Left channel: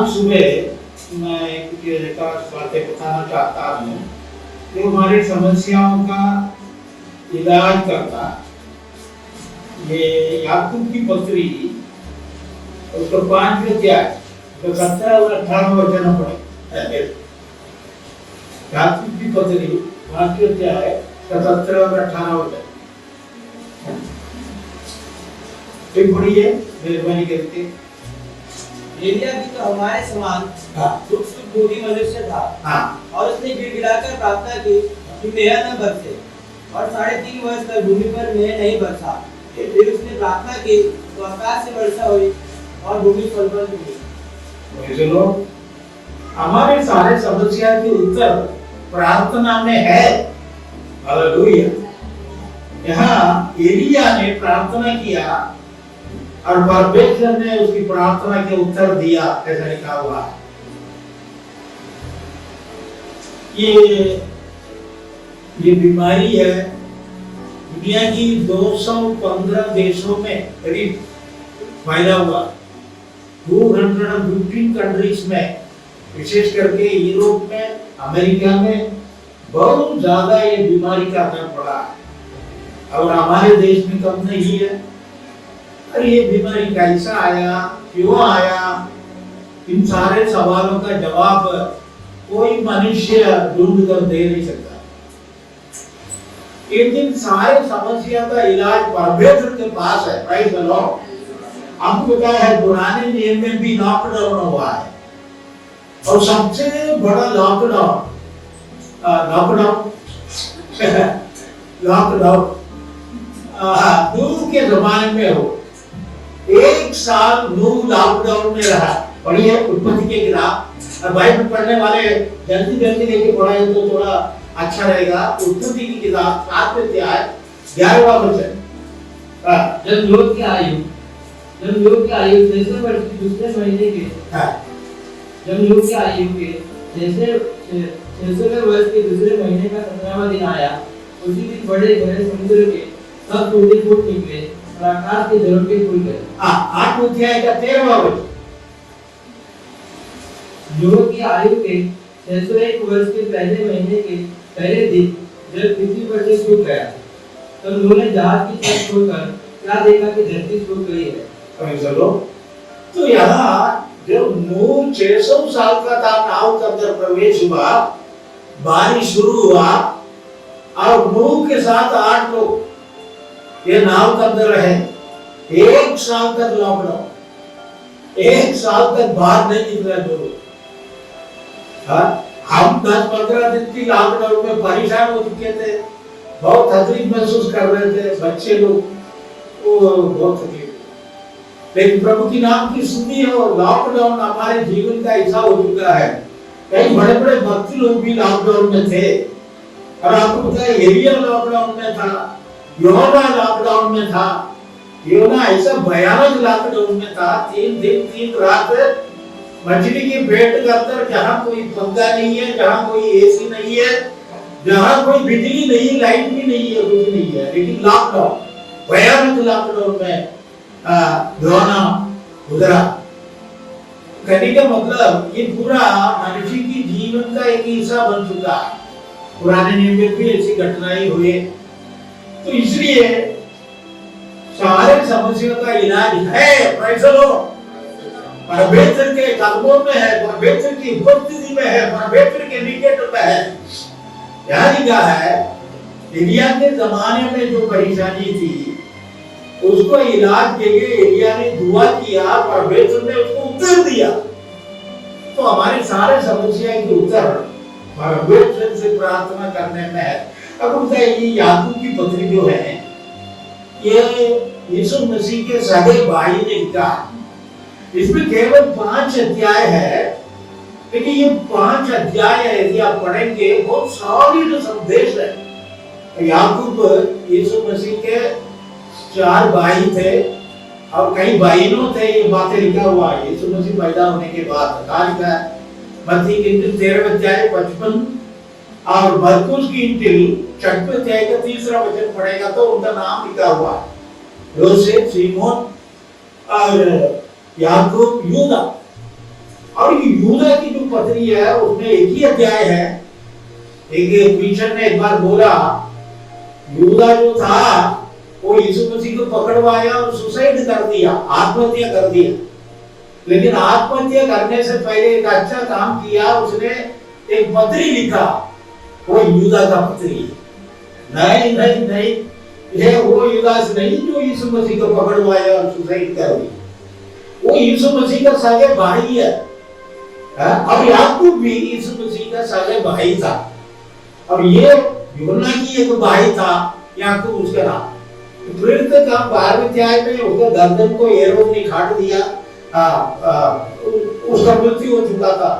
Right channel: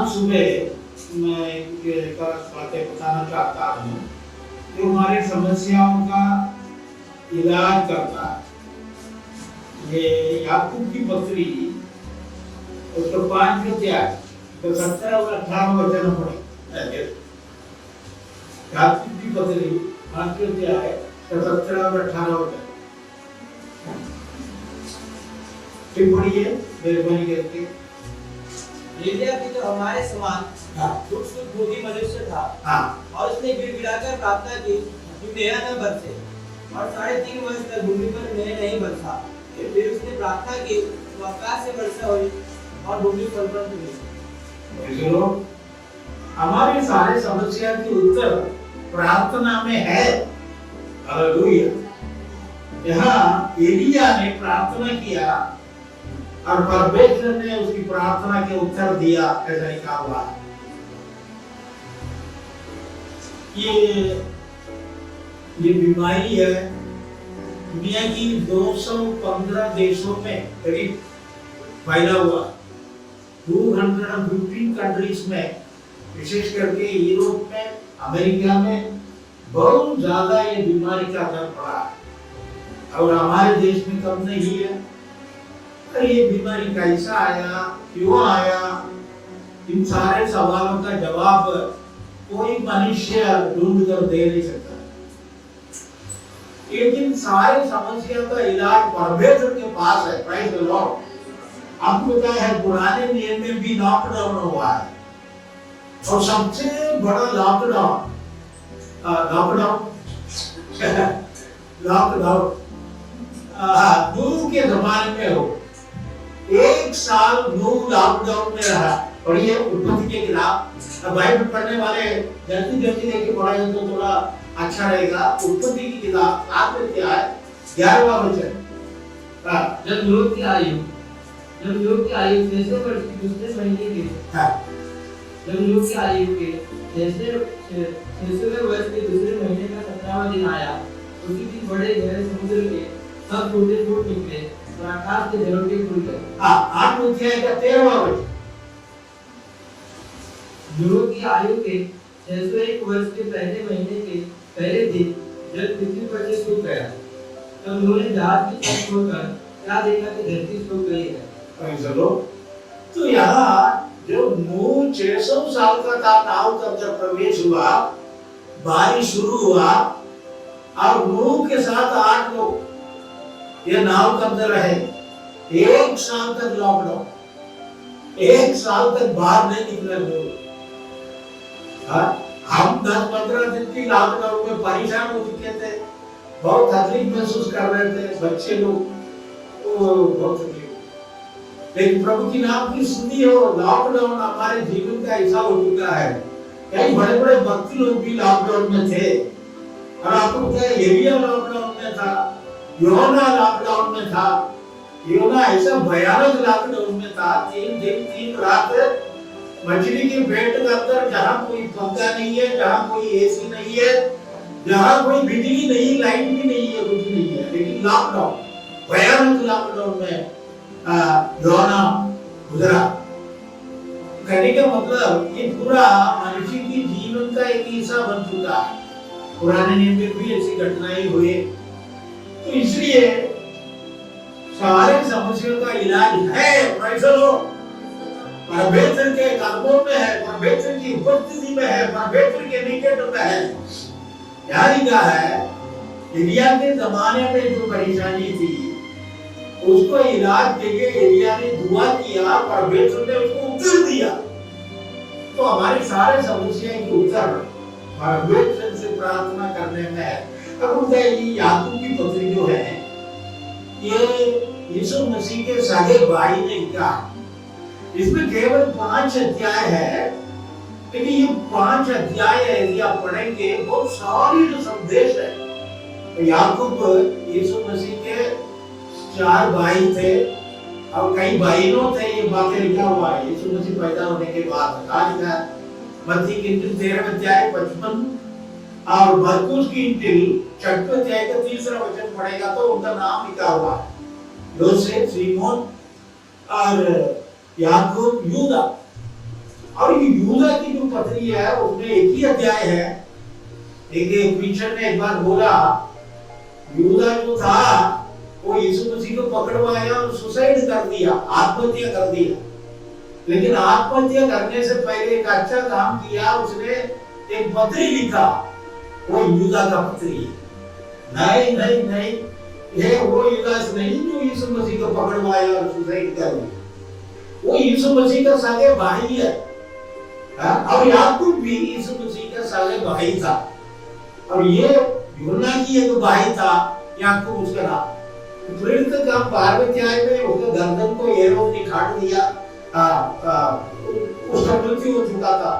आज सुबह मैं एक बातें बताना चाहता हूँ कि हमारी समस्याओं का इलाज करता है। ये याकूब की पत्री उसको 5 अध्याय तो 17 और 18 वचन पढ़े। याकूब की पत्री 5 अध्याय 17 और 18 वचन पढ़िए मेहरबानी करके। एलिय्याह भी तो हमारे समान शुद्ध बुद्धि मनुष्य था। और उसने गिड़गिड़ाकर प्रार्थना की कि मेघ न बरसे, और 3.5 वर्ष तक भूमि पर मेघ नहीं बरसा। फिर उसने प्रार्थना की तो आकाश से वर्षा हुई और भूमि फलवंत हुई। चलो, हमारे सारे समस्या के उत्तर प्रार्थना में है। हालेलुया। यहाँ एलिय्याह ने प्रार्थना किया और परमेश्वर ने उसकी प्रार्थना के उत्तर दिया, ऐसा लिखा हुआ है। ये बीमारी है दुनिया की 215 देशों में करीब फैला हुआ, 215 कंट्रीज में, विशेष करके यूरोप में, अमेरिका में बहुत ज्यादा ये बीमारी का असर पड़ा है। और हमारे देश में कम नहीं है। और ये बीमारी कैसा आया, क्यों आया, इन सारे सवालों का जवाब कोई मनुष्य ढूंढ कर दे नहीं सकता। लेकिन सारे समस्या का इलाज परमेश्वर के पास है। Praise the Lord. आपको पता है पुराने नियम में भी लॉकडाउन हुआ है, और सबसे बड़ा लॉकडाउन नूह के जमाने में हो। 1 साल नूह लॉकडाउन में रहा। और ये उत्पत्ति के किताब, बाइबल पढ़ने वाले जल्दी जल्दी लेके पढ़ाए तो थोड़ा अच्छा रहेगा। उत्पत्ति की किताब 7 अध्याय 11वां वचन। जब नूह की आयु 600 वर्ष के दूसरे महीने के जब नूह की आयु के 600वें वर्ष के दूसरे महीने का 17वां दिन आया, उसी दिन बड़े गहरे समुद्र के सब टूटे फूट निकले और आकाश के झरोखे खुल गए। 8 अध्याय का 13वां वचन। नूह की आयु के 601 वर्ष के पहले महीने के पहले दिन जब पृथ्वी पर से सूख गया, तब नूह ने जहाज की छत खोलकर क्या देखा कि धरती सूख गई है। चलो, तो यहाँ जब नूह 600 साल का था, नाव के अंदर प्रवेश हुआ, बारिश शुरू हुआ, और नूह के साथ 8 लोग ये नाव के अंदर रहे। 1 साल तक लॉकडाउन, 1 साल तक बाहर नहीं निकला नूह। हम 10-15 दिन की लॉकडाउन में परेशान हो चुके थे, बहुत तकलीफ महसूस कर रहे थे, बच्चे लोग बहुत तकलीफ। लेकिन प्रभु की नाम की स्तुति हो, लॉकडाउन हमारे जीवन का हिस्सा हो चुका है। कई बड़े बड़े भक्ति लोग भी लॉकडाउन में थे। और आपको पता है एलिय्याह लॉकडाउन में था, योना लॉकडाउन में था। योना ऐसा भयानक लॉकडाउन में था, 3 दिन 3 रात मछली के पेट के अंदर, जहाँ कोई पंखा नहीं है, जहाँ कोई एसी नहीं है, जहाँ कोई बिजली नहीं, लाइट भी नहीं है, कुछ नहीं है, लेकिन लॉकडाउन, भयानक लॉकडाउन में योना गुजरा। कहने का मतलब ये पूरा मनुष्य की जीवन का एक हिस्सा बन चुका है। पुराने नियम में भी ऐसी घटनाएं हुए। तो इसलिए सारे समस्याओं का इलाज है। Praise the Lord. परमेश्वर के कदमों में है, परमेश्वर की उपस्थिति में है, परमेश्वर के निकट में है। यहाँ लिखा है एलिय्याह के जमाने में जो परेशानी थी, उसको इलाज के लिए एलिय्याह ने दुआ किया, परमेश्वर ने उसको उत्तर दिया। तो हमारे सारे समस्या के उत्तर परमेश्वर से प्रार्थना करने में है। अब ये याकूब की पत्री जो है, ये यीशु मसीह के सगे भाई ने लिखा। इसमें केवल 5 अध्याय है, लेकिन ये 5 अध्याय यदि आप पढ़ेंगे बहुत सॉलिड संदेश है। याकूब यीशु मसीह के 4 भाई थे और कई बहनों थे। ये बातें लिखा हुआ है यीशु मसीह पैदा होने के बाद। लिखा है मत्ती की इंजिल 13 अध्याय 55 और मरकुस की इंजिल 6 अध्याय का 3रा वचन पढ़ेगा तो उनका नाम लिखा हुआ है, योसेफ, सीमोन और याकूब, यूदा। और ये यूदा की जो पत्री है उसमें एक ही अध्याय है। एक प्रीचर ने एक बार बोला, यूदा जो था वो यीशु मसीह को पकड़वाया और सुसाइड कर दिया, आत्महत्या कर दिया। लेकिन आत्महत्या करने से पहले एक अच्छा काम किया, उसने एक पत्री लिखा, वो यूदा का पत्री है। नहीं नहीं नहीं, ये वो युदास नहीं जो यीशु मसीह को पकड़वाया और सुसाइड कर दिया। वो यीशु मसीह का सगे भाई है। और याकूब भी यीशु मसीह का सगे भाई था। और ये यूहन्ना की एक भाई था, याकूब उसका नाम। फिर तक हम 12वें अध्याय में उसका गर्दन को हेरोद ने काट दिया, उसका मृत्यु हो चुका था।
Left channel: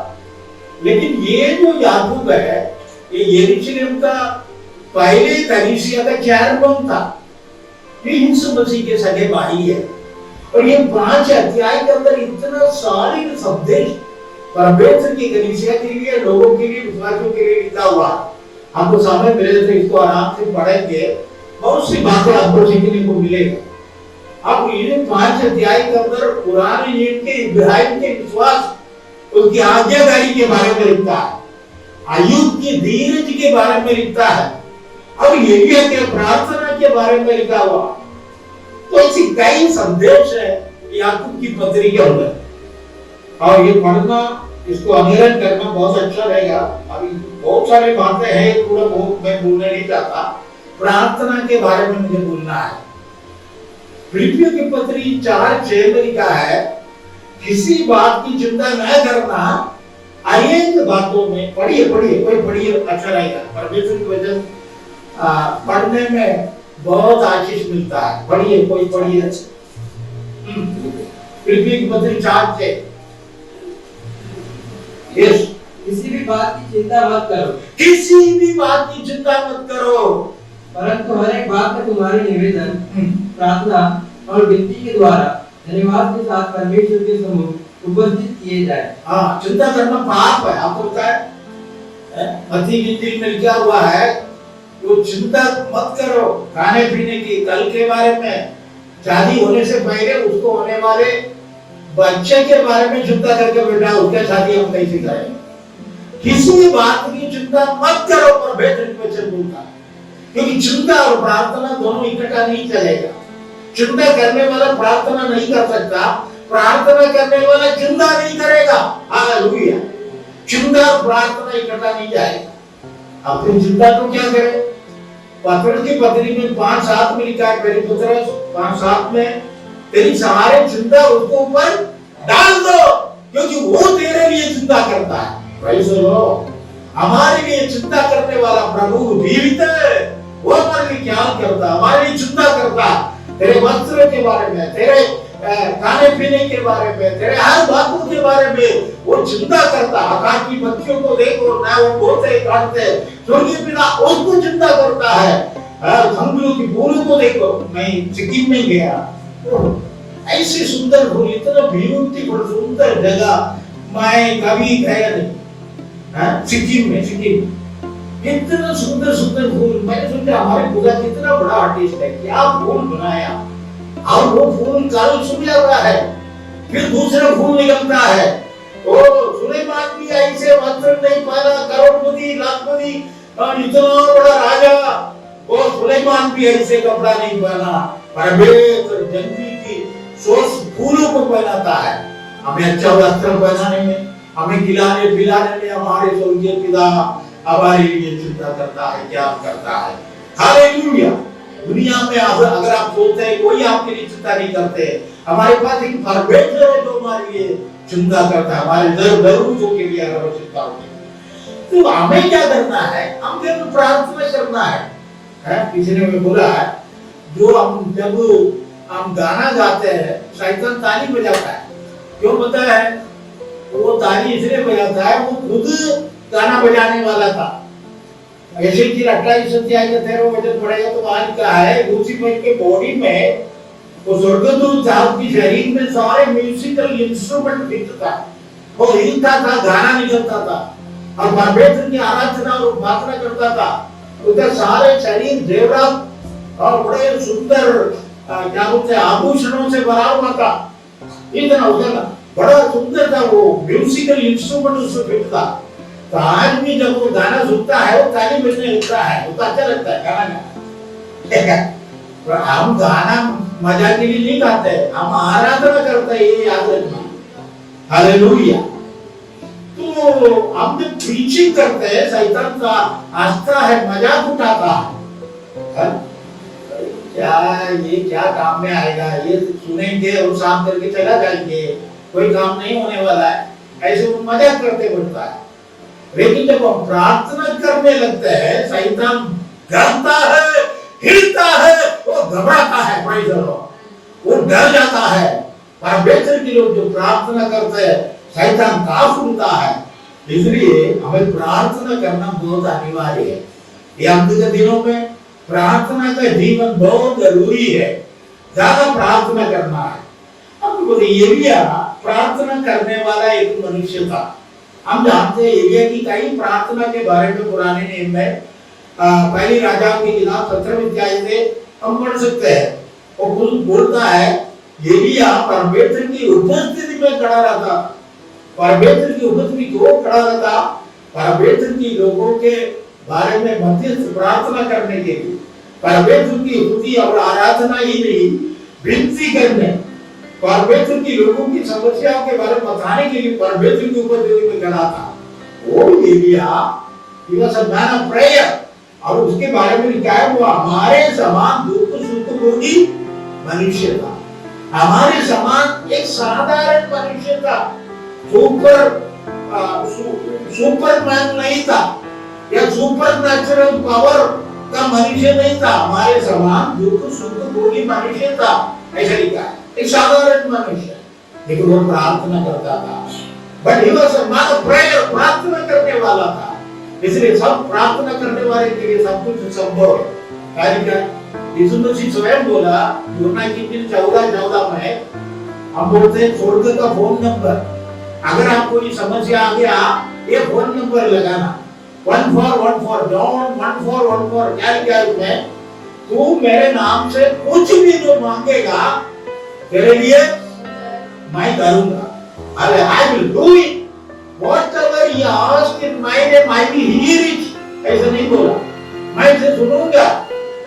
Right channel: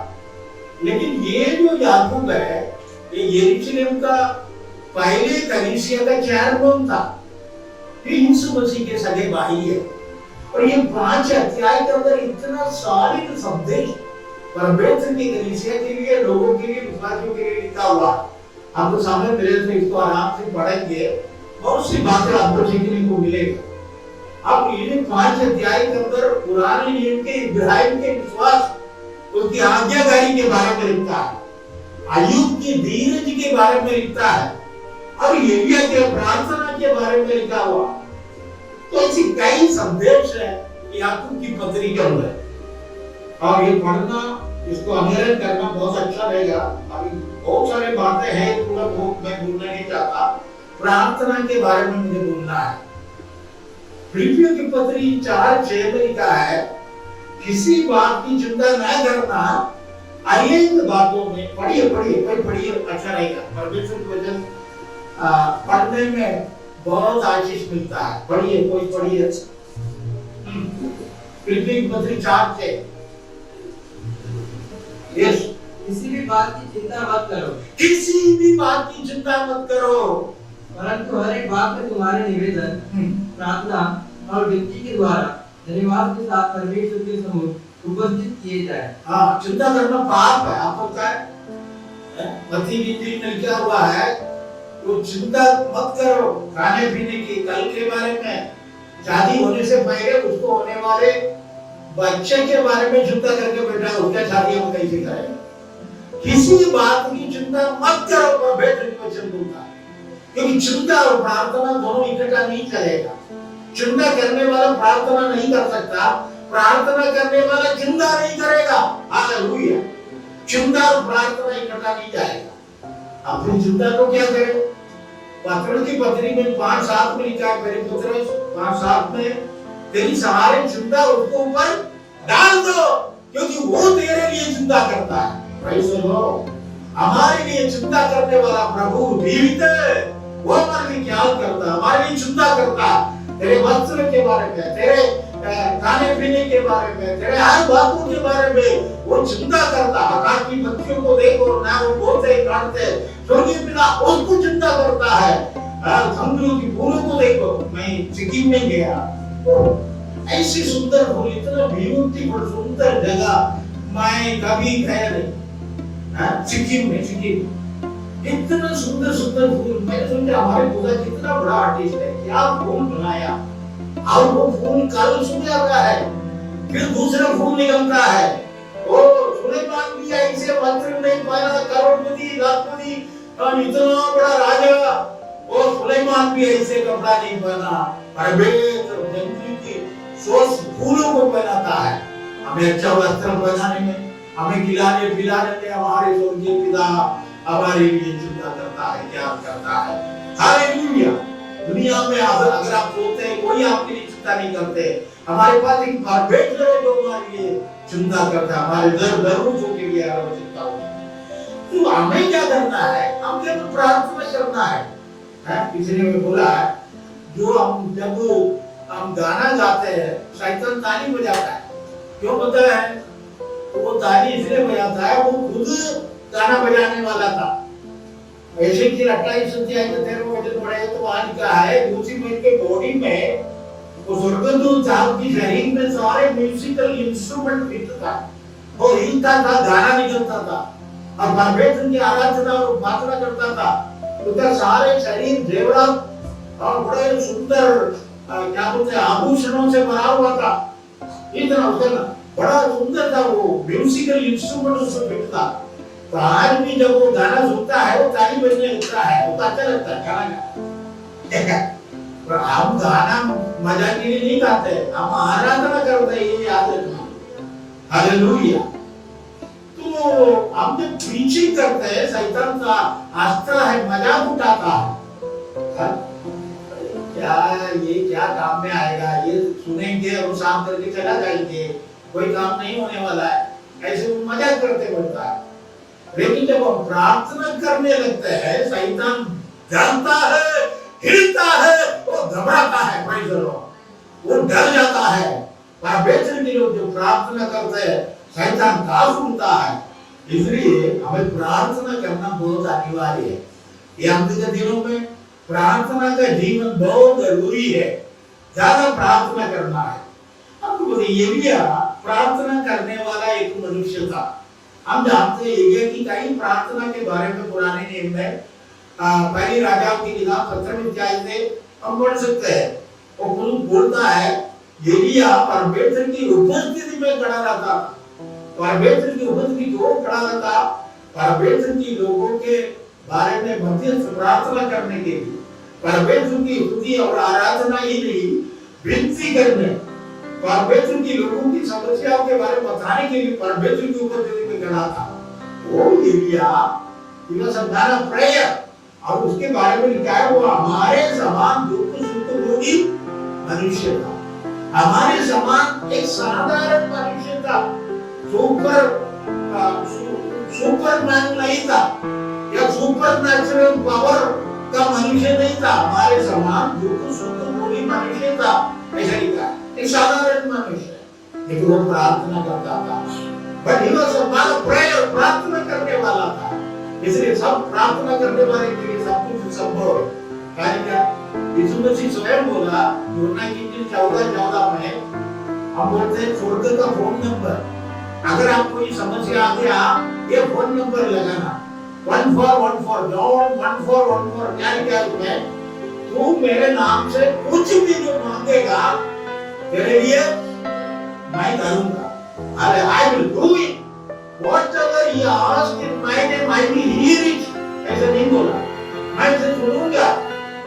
लेकिन ये जो याकूब है, ये यरूशलेम का पहले कलीसिया का चेयरमैन था। ये यीशु मसीह के सगे भाई है। और ये 5 अध्याय के अंदर इतना सारे संदेश परमेश्वर की कलीसिया के लिए, लोगों के लिए, विश्वासियों के लिए लिखा हुआ। आपको समय मिले तो इसको आराम से पढ़ेंगे, बहुत सी बातें आपको सीखने को मिलेगा। अब ये 5 अध्याय के अंदर पुराने नियम के इब्राहिम के विश्वास, उसकी आज्ञाकारी के बारे में लिखता है, अय्यूब की धीरज के बारे में लिखता है, अब यिर्मयाह के प्रार्थना के बारे में लिखा हुआ। तो ऐसी कई संदेश है याकूब की पत्री के अंदर। और ये पढ़ना, इसको अध्ययन करना बहुत अच्छा रहेगा। अभी बहुत सारी बातें हैं, पूरा बहुत मैं बोलने नहीं चाहता। प्रार्थना के बारे में मुझे बोलना है। फिलिपियों की पत्री 4:6 में लिखा है, किसी बात की चिंता न करना, अनेक बातों में पढ़िए कोई पढ़िए, अच्छा रहेगा। परमेश्वर की वचन पढ़ने में बहुत आशीष मिलता है। पढ़िए कोई पढ़िए। फिलिपियों की पत्री 4:6। यस, किसी भी बात की चिंता मत करो, किसी भी बात की चिंता मत करो, परंतु हर एक बात में तुम्हारे निवेदन, प्रार्थना और विनती के द्वारा धन्यवाद के साथ परमेश्वर के सम्मुख उपस्थित किए जाए। हाँ, चिंता करना पाप है, आपको पता है। मत्ती गिनती में लिखा हुआ है, तो चिंता मत करो खाने पीने की, कल के बारे में, शादी होने से पहले उसको होने वाले बच्चे के बारे में चिंता करके बेटा उसके शादी हम कैसे करें। किसी बात की चिंता मत करो, परमेश्वर की वचन बोलता है। क्योंकि चिंता और प्रार्थना दोनों इकट्ठा नहीं चलेगा। चिंता करने वाला प्रार्थना नहीं कर सकता, प्रार्थना करने वाला चिंता नहीं करेगा। हालेलुया। चिंता और प्रार्थना इकट्ठा नहीं जाएगा। अब फिर चिंता तो क्या करें? पत्र की पत्री में 5:7 में लिखा है, मेरे पुत्र 5:7 में, तेरी सारे चिंता उसके ऊपर डाल दो, क्योंकि वो तेरे लिए चिंता करता है। Praise the Lord. हमारे लिए चिंता करने वाला प्रभु जीवित है। वो हमारे लिए ख्याल करता, हमारे लिए चिंता करता, तेरे वस्त्र के बारे में, तेरे खाने पीने के बारे में, तेरे हर बातों के बारे में वो चिंता करता। आकाश की पक्षियों को देखो ना, वो बोलते काटते, स्वर्गीय पिता उसको चिंता करता है। समुद्रों की फूलों को देखो। मैं सिक्किम में गया, ऐसी सुंदर फूल, इतना ब्यूटीफुल सुंदर जगह मैं कभी गया नहीं। सिक्किम में कितना सुंदर सुंदर फूल। मैंने सोचा हमारे खुदा कितना बड़ा आर्टिस्ट है, क्या फूल बनाया। और वो फूल कल सूख जाता है, फिर दूसरा फूल निकलता है। ओ सुलेमान भी ऐसे वस्त्र नहीं पहना, करोड़पति लाखपति और इतना बड़ा राजा, वो सुलेमान भी ऐसे कपड़ा नहीं पहना। परमेश्वर जंगली की सोच फूलों को पहनाता है। हमें अच्छा वस्त्र पहनाने में, हमें खिलाने पिलाने में हमारे स्वर्गीय पिता हमारे लिए चिंता करता है, क्या करता है। हालेलुया। दुनिया में अगर आप सोचते हैं कोई आपके लिए चिंता नहीं करते, हमारे पास एक परमेश्वर है जो हमारे लिए चिंता करता है, हमारे जरूरतों के लिए हर वक्त चिंता होती है। तो हमें क्या करना है? हमें केवल प्रार्थना करना है। किसी ने बोला है, जो जब हम गाना गाते हैं, शैतान ताली बजाता है। क्यों पता है? वो ताली इसलिए बजाता है, वो खुद गाना बजाने वाला था। ऐसे कि 28 अध्याय का 13 वचन पढ़ेगा तो वहां लिखा है, लूसीफर के बॉडी में, वो स्वर्गदूत साहब की शरीर में सारे म्यूजिकल इंस्ट्रूमेंट फिट था, वो हिलता था, गाना निकलता था और परमेश्वर की आराधना और उपासना करता था। उसका सारे शरीर जेवरात और बड़े सुंदर क्या बोलते हैं आभूषणों से भरा हुआ था। इतना उसका बड़ा सुंदर था, वो म्यूजिकल इंस्ट्रूमेंट उसको फिट था। तो आज भी जब वो गाना सुनता है वो ताली बजने लगता है, वो अच्छा लगता है गाना। पर हम गाना मजा के लिए नहीं गाते, हम आराधना करते हैं, ये याद रखना। हालेलुया। तो हम जब प्रीचिंग करते हैं शैतान का हंसता है, मजाक उठाता है, क्या ये क्या काम में आएगा, ये सुनेंगे और साफ करके चला जाएंगे, कोई काम नहीं होने वाला है, ऐसे वो मजाक करते बढ़ता है। लेकिन जब हम प्रार्थना करने लगते हैं शैतान डरता है, हिलता है, वो घबराता है, प्रेज़ द लॉर्ड, वो डर जाता है। परमेश्वर के लोग जो प्रार्थना करते हैं शैतान काफ उड़ता है। इसलिए हमें प्रार्थना करना बहुत अनिवार्य है। ये अंत के दिनों में प्रार्थना का जीवन बहुत जरूरी है, ज्यादा प्रार्थना करना है। अब एलिया प्रार्थना करने वाला एक मनुष्य था। हम जानते हैं एलिया की कई प्रार्थना के बारे में पुराने नियम में पहली राजाओं की किताब 17वीं अध्याय में हम पढ़ सकते हैं। वो बोलता है एलिया परमेश्वर की उपस्थिति में खड़ा रहता, परमेश्वर की उपस्थिति क्यों खड़ा रहता, परमेश्वर की लोगों के बारे में मध्यस्थ प्रार्थना करने के लिए, परमेश्वर की स्तुति और आराधना ही नहीं, विनती करने, परमेश्वर की लोगों की समस्याओं के बारे में बताने के लिए परमेश्वर की उपस्थिति में खड़ा था। वो Elia he was a man of prayer, और उसके बारे में लिखा है वो हमारे समान दुख सुख भोगी मनुष्य था। हमारे समान एक साधारण मनुष्य था, सुपरमैन नहीं था या सुपर नेचुरल पावर का मनुष्य नहीं था, हमारे समान दुख सुख भोगी मनुष्य था, ऐसा लिखा है। एक साधारण मनुष्य, लेकिन वो प्रार्थना करता था। But he was a man of prayer, प्रार्थना करने वाला था। इसलिए सब प्रार्थना करने वाले के लिए सब कुछ संभव है। क्या यीशु मसीह स्वयं बोला यूहन्ना की इंजील 14:14 में, हम बोलते हैं स्वर्ग का फोन नंबर, अगर आपको कोई समस्या आ गया ये फोन नंबर लगाना 1414 जॉन 1414। क्या लिखा है उसमें, तू मेरे नाम से कुछ भी जो मांगेगा तेरे लिए मैं करूंगा। अरे I will do it whatever you ask in my name I will hear it. ऐसा नहीं बोला मैं इसे सुनूंगा,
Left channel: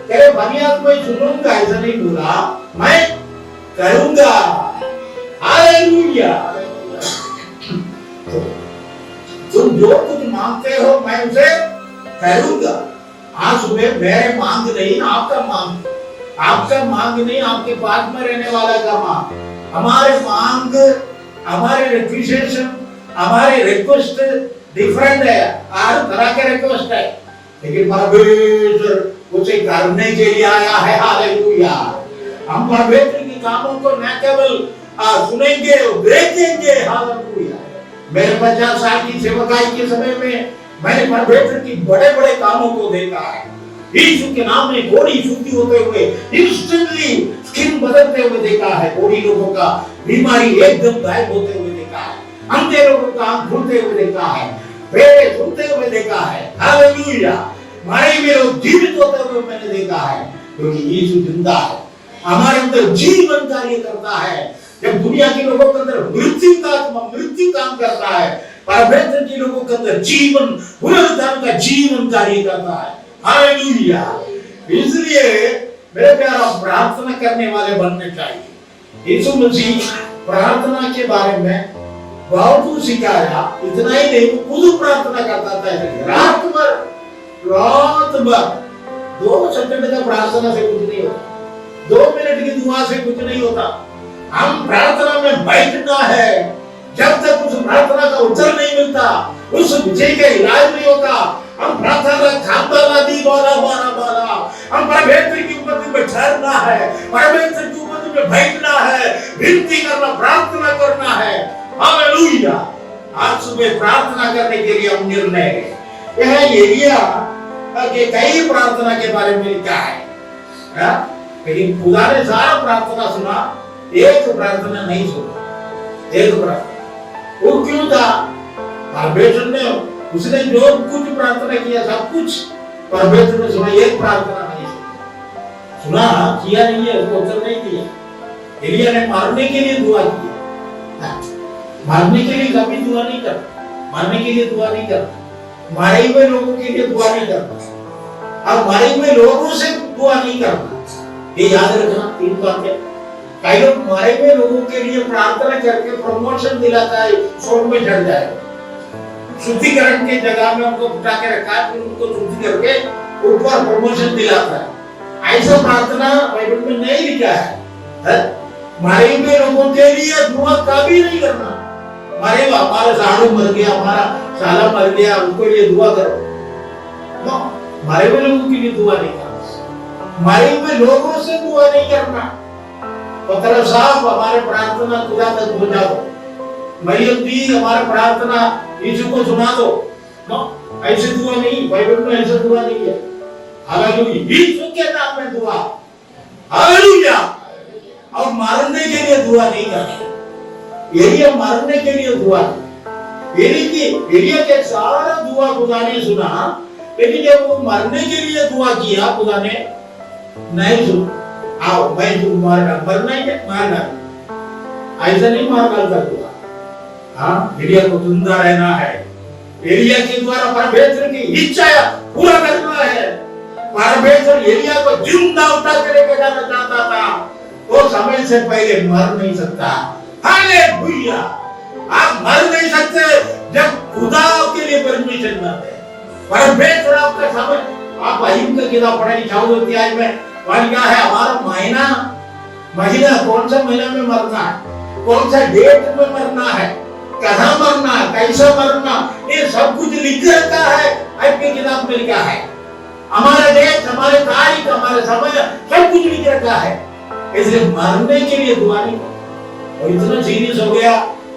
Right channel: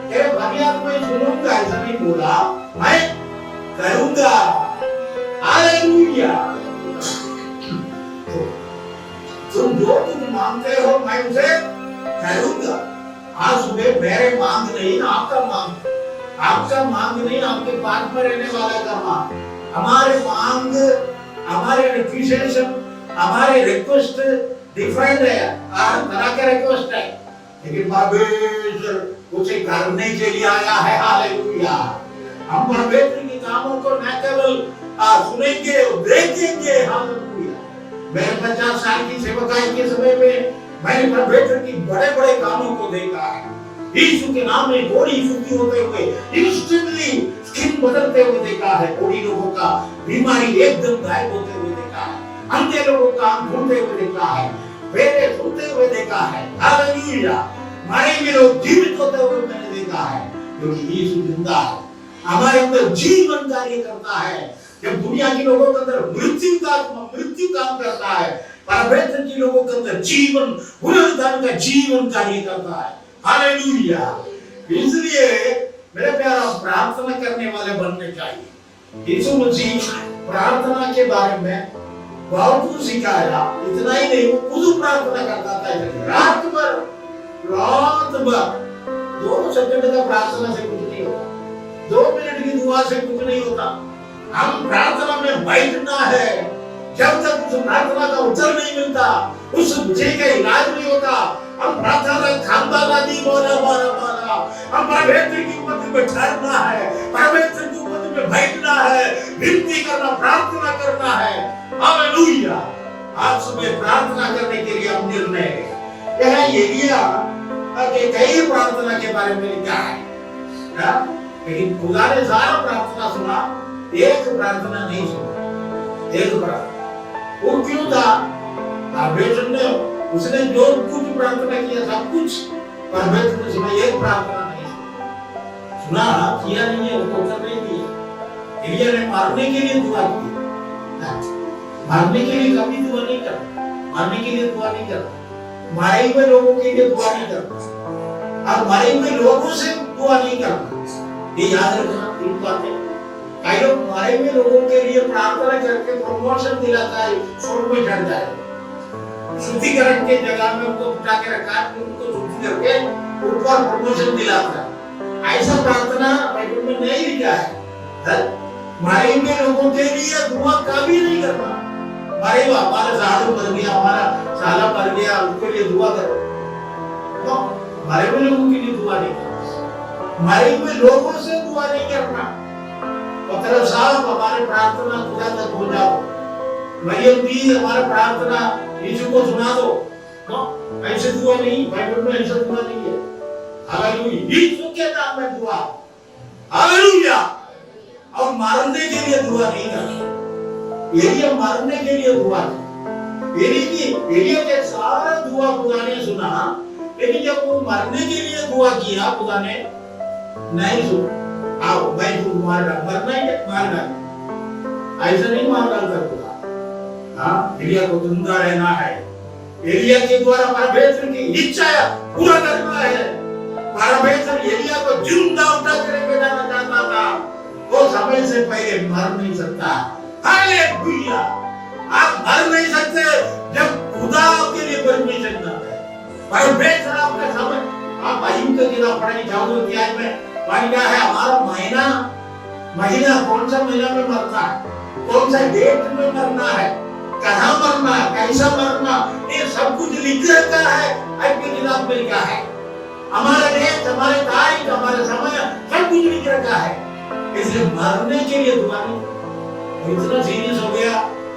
तेरे फरियाद को सुनूंगा, ऐसा नहीं बोला, मैं करूंगा। हालेलुया। तुम जो कुछ मांगते हो मैं उसे करूंगा। आज सुबह मेरे मांग नहीं, आपका मांग, आपका मांग नहीं, आपके पास में रहने वाला का मांग। हमारे मांग, हमारे रिक्वेस्ट, हमारे रिक्वेस्ट डिफरेंट है, हर तरह के रिक्वेस्ट है, लेकिन परमेश्वर उसे करने के लिए आया है। हालेलुया। हम परमेश्वर के कामों को न केवल सुनेंगे और देखेंगे। हालेलुया। मेरे 50 साल की सेवकाई के समय में मैंने परमेश्वर की बड़े बड़े कामों को देखा है। यीशु के नाम में कोड़ी शुद्धि होते हुए, इंस्टेंटली स्किन बदलते हुए देखा है, कोड़ी लोगों का बीमारी एकदम गायब होते हुए देखा है, अंधे लोगों का आंख खुलते हुए देखा है, बहरे सुनते हुए देखा है। हालेलुया। मरे हुए लोग जीवित होते हुए मैंने देखा है, क्योंकि यीशु जिंदा है, हमारे अंदर जीवन कार्य करता है। जब दुनिया के लोगों के अंदर मृत्यु काम करता है, परमेश्वर के लोगों के अंदर जीवन, पुनरुत्थान का जीवन कार्य करता है। हालेलुया। इसलिए मेरे प्यारा प्रार्थना करने वाले बनने चाहिए। यीशु मसीह प्रार्थना के बारे में बहुत कुछ सिखाया। इतना ही नहीं, वो खुद प्रार्थना करता था रात भर 2 सेकंड का प्रार्थना से कुछ नहीं होता, 2 मिनट की दुआ से कुछ नहीं होता। हम प्रार्थना में बैठना है, जब तक उस प्रार्थना का उत्तर नहीं मिलता, उस विषय का इलाज नहीं होता। हम प्रार्थना खामबाला दी बाला बाला बाला, हम परमेश्वर की उपस्थिति में ठहरना है, परमेश्वर की उपस्थिति में बैठना है, विनती करना, प्रार्थना करना है। हालेलुया। आज सुबह प्रार्थना करने के लिए हम निर्णय है। यह एलिया के कई प्रार्थना के बारे में लिखा है, लेकिन खुदा ने सारा प्रार्थना सुना, एक प्रार्थना नहीं सुना। एक प्रार्थना वो क्यों था? परमेश्वर ने, उसने जो कुछ प्रार्थना किया सब कुछ परमेश्वर ने सुना, एक प्रार्थना नहीं सुना, किया नहीं है, उसको उत्तर नहीं दिया। एलिया ने मारने के लिए दुआ की, मारने के लिए कभी दुआ नहीं करना, मारने के लिए दुआ नहीं करना, मारे हुए लोगों के लिए दुआ नहीं करना, और मारे हुए लोगों से दुआ नहीं करना। ये याद रखना, तीन बातें। कई लोग मारे हुए लोगों के लिए प्रार्थना करके प्रमोशन दिलाता है, स्वर्ग में चढ़ जाए। शुद्धिकरण के जगह में उनको बिठा के रखा है, फिर उनको शुद्धि करके ऊपर प्रमोशन दिलाता है। ऐसा प्रार्थना बाइबल में नहीं लिखा है। मारे हुए लोगों के लिए दुआ कभी नहीं करना। मारे हुआ, हमारा साड़ू मर गया, हमारा साला मर गया, उनके लिए दुआ करो। तो मारे हुए लोगों के लिए दुआ नहीं करना, मारे हुए लोगों से दुआ नहीं करना। पत्रस साहब हमारे प्रार्थना खुदा तक पहुंचा दो, मरियम भी हमारे प्रार्थना यीशु को सुना दो। नो, ऐसे दुआ नहीं, बाइबल में ऐसा दुआ नहीं है। हालेलुया, यीशु के नाम में दुआ, हालेलुया। और मारने के लिए दुआ नहीं करना। एलिया मारने के लिए दुआ नहीं। एलिया के सारा दुआ खुदा ने सुना, लेकिन जब वो मरने के लिए दुआ किया, खुदा ने नहीं सुना। आओ मैं तुम मरना है, मारना ऐसा नहीं मार डालता खुदा। हाँ, एलिया को जिंदा रहना है। एलिया के द्वारा परमेश्वर की इच्छा पूरा करना है। परमेश्वर एलिया को जिंदा उठा के लेके जाना चाहता था, वो समय से पहले मर नहीं सकता। हालेलुया, आप मर नहीं सकते जब खुदा आपके लिए परमिशन ना दे। परमेश्वर आपका समय, आप अय्यूब का किताब पढ़ने चाहोगे अध्याय में, वहां क्या है, हमारा महीना कौन सा महीना में मरना है, कौन सा डेट में मरना है, कहाँ मरना है, कैसा मरना, ये सब कुछ लिख रखा है, आपकी किताब में लिखा है। हमारे देश, हमारे तारीख, हमारे समय, सब कुछ लिख रखा है। इसलिए मरने के लिए दुआ नहीं करना। और इतना सीरियस हो गया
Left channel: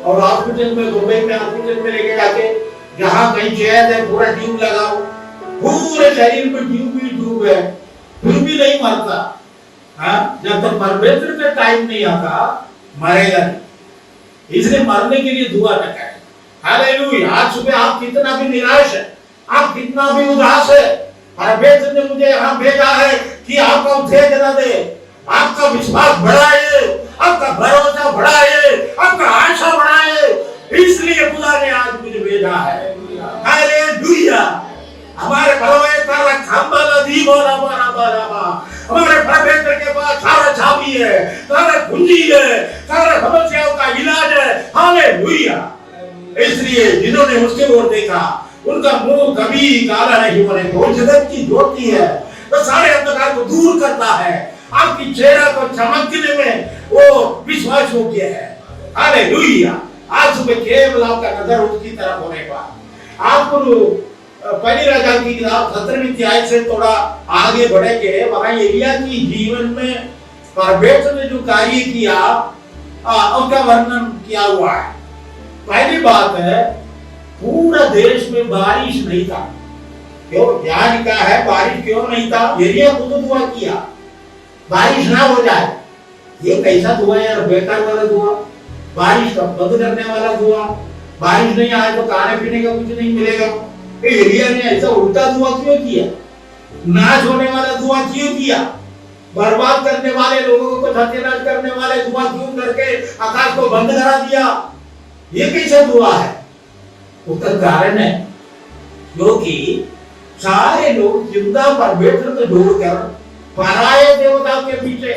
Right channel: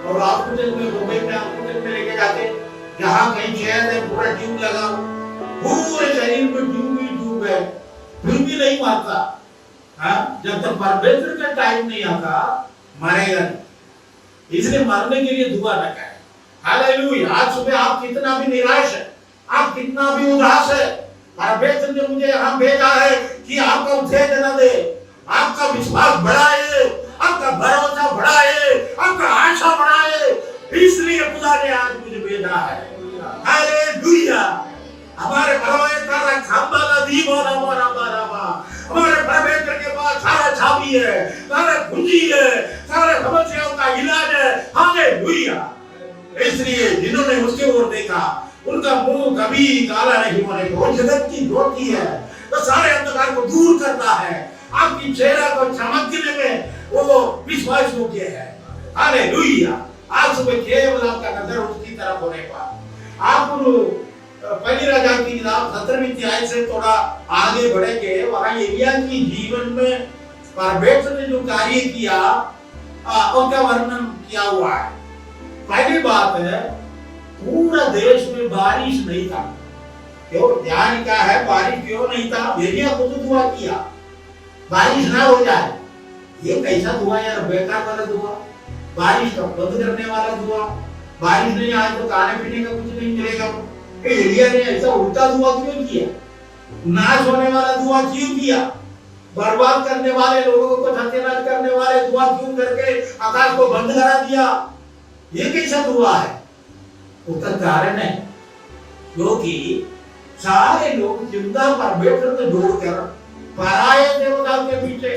और हॉस्पिटल में, मुंबई में हॉस्पिटल में लेके जाके, जहाँ कहीं चैन है पूरा ट्यूब लगाओ, पूरे शरीर में ट्यूब है, फिर भी नहीं मरता। हाँ, जब तक परमेश्वर का टाइम नहीं आता मरेगा नहीं। इसलिए मरने के लिए दुआ न करें। हालेलुया, आज सुबह आप कितना भी निराश है, आप कितना भी उदास है, परमेश्वर ने मुझे यहाँ भेजा है कि आपका उत्तेजना दे, आपका विश्वास बढ़ाए, आपका भरोसा बढ़ाए, आपका आशा बढ़ाए। इसलिए खुदा ने आज मुझे भेजा है। हालेलुया, हमारे परमेश्वर का खंबा दीवाना हमारे परमेश्वर के पास सारा चाबी है, सारा कुंजी है, सारा समस्याओं का इलाज है। हालेलुया, इसलिए जिन्होंने उसके ओर देखा उनका मुंह कभी काला नहीं होने को, जगत की ज्योति है, तो सारे अंधकार को दूर करता है, आपकी चेहरा को चमकने में वो विश्वास योग्य है। हालेलुया, आज सुबह केवल आपका नजर उसकी तरफ होने का। आपको पहली राजा की किताब 17वीं अध्याय से थोड़ा आगे बढ़ेंगे, वहां एलिया की जीवन में परमेश्वर ने जो कार्य किया उसका वर्णन किया हुआ है। पहली बात है, पूरा देश में बारिश नहीं था। क्यों? यहाँ लिखा है बारिश क्यों नहीं था? एलिया खुद दुआ किया बारिश ना हो जाए। ये कैसा दुआ यार, बेकार वाला दुआ, बारिश का बंद करने वाला दुआ। बारिश नहीं आए तो खाने पीने का कुछ नहीं मिलेगा। एलिया ने ऐसा उल्टा दुआ क्यों किया? नाश होने वाला दुआ क्यों किया? बर्बाद करने वाले लोगों को सत्यानाश करने वाले दुआ क्यों करके आकाश को बंद करा दिया? ये कैसा दुआ है? उसका कारण है क्योंकि सारे लोग जिंदा परमेश्वर को जोड़कर पराये देवता के पीछे,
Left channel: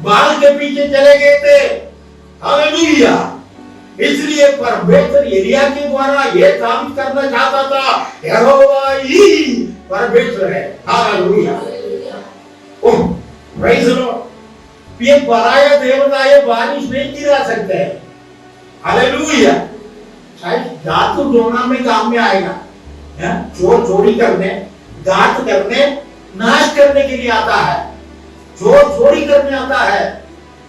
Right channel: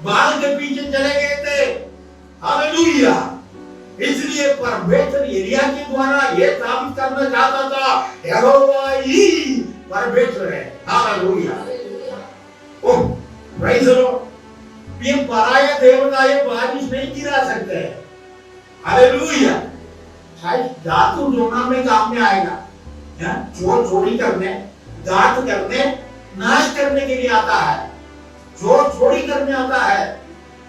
बाल के पीछे चले गए थे। हालेलुया, इसलिए परमेश्वर एलिया के द्वारा यह साबित करना चाहता था, यहोवा ही परमेश्वर है। Hallelujah, oh praise the Lord. ये पराया देवता ये बारिश नहीं गिरा सकते। हालेलुया, शायद जादू टोना में काम में आएगा, चोर चोरी करने, घात करने, नाश करने के लिए आता है। चोर चोरी करने आता है,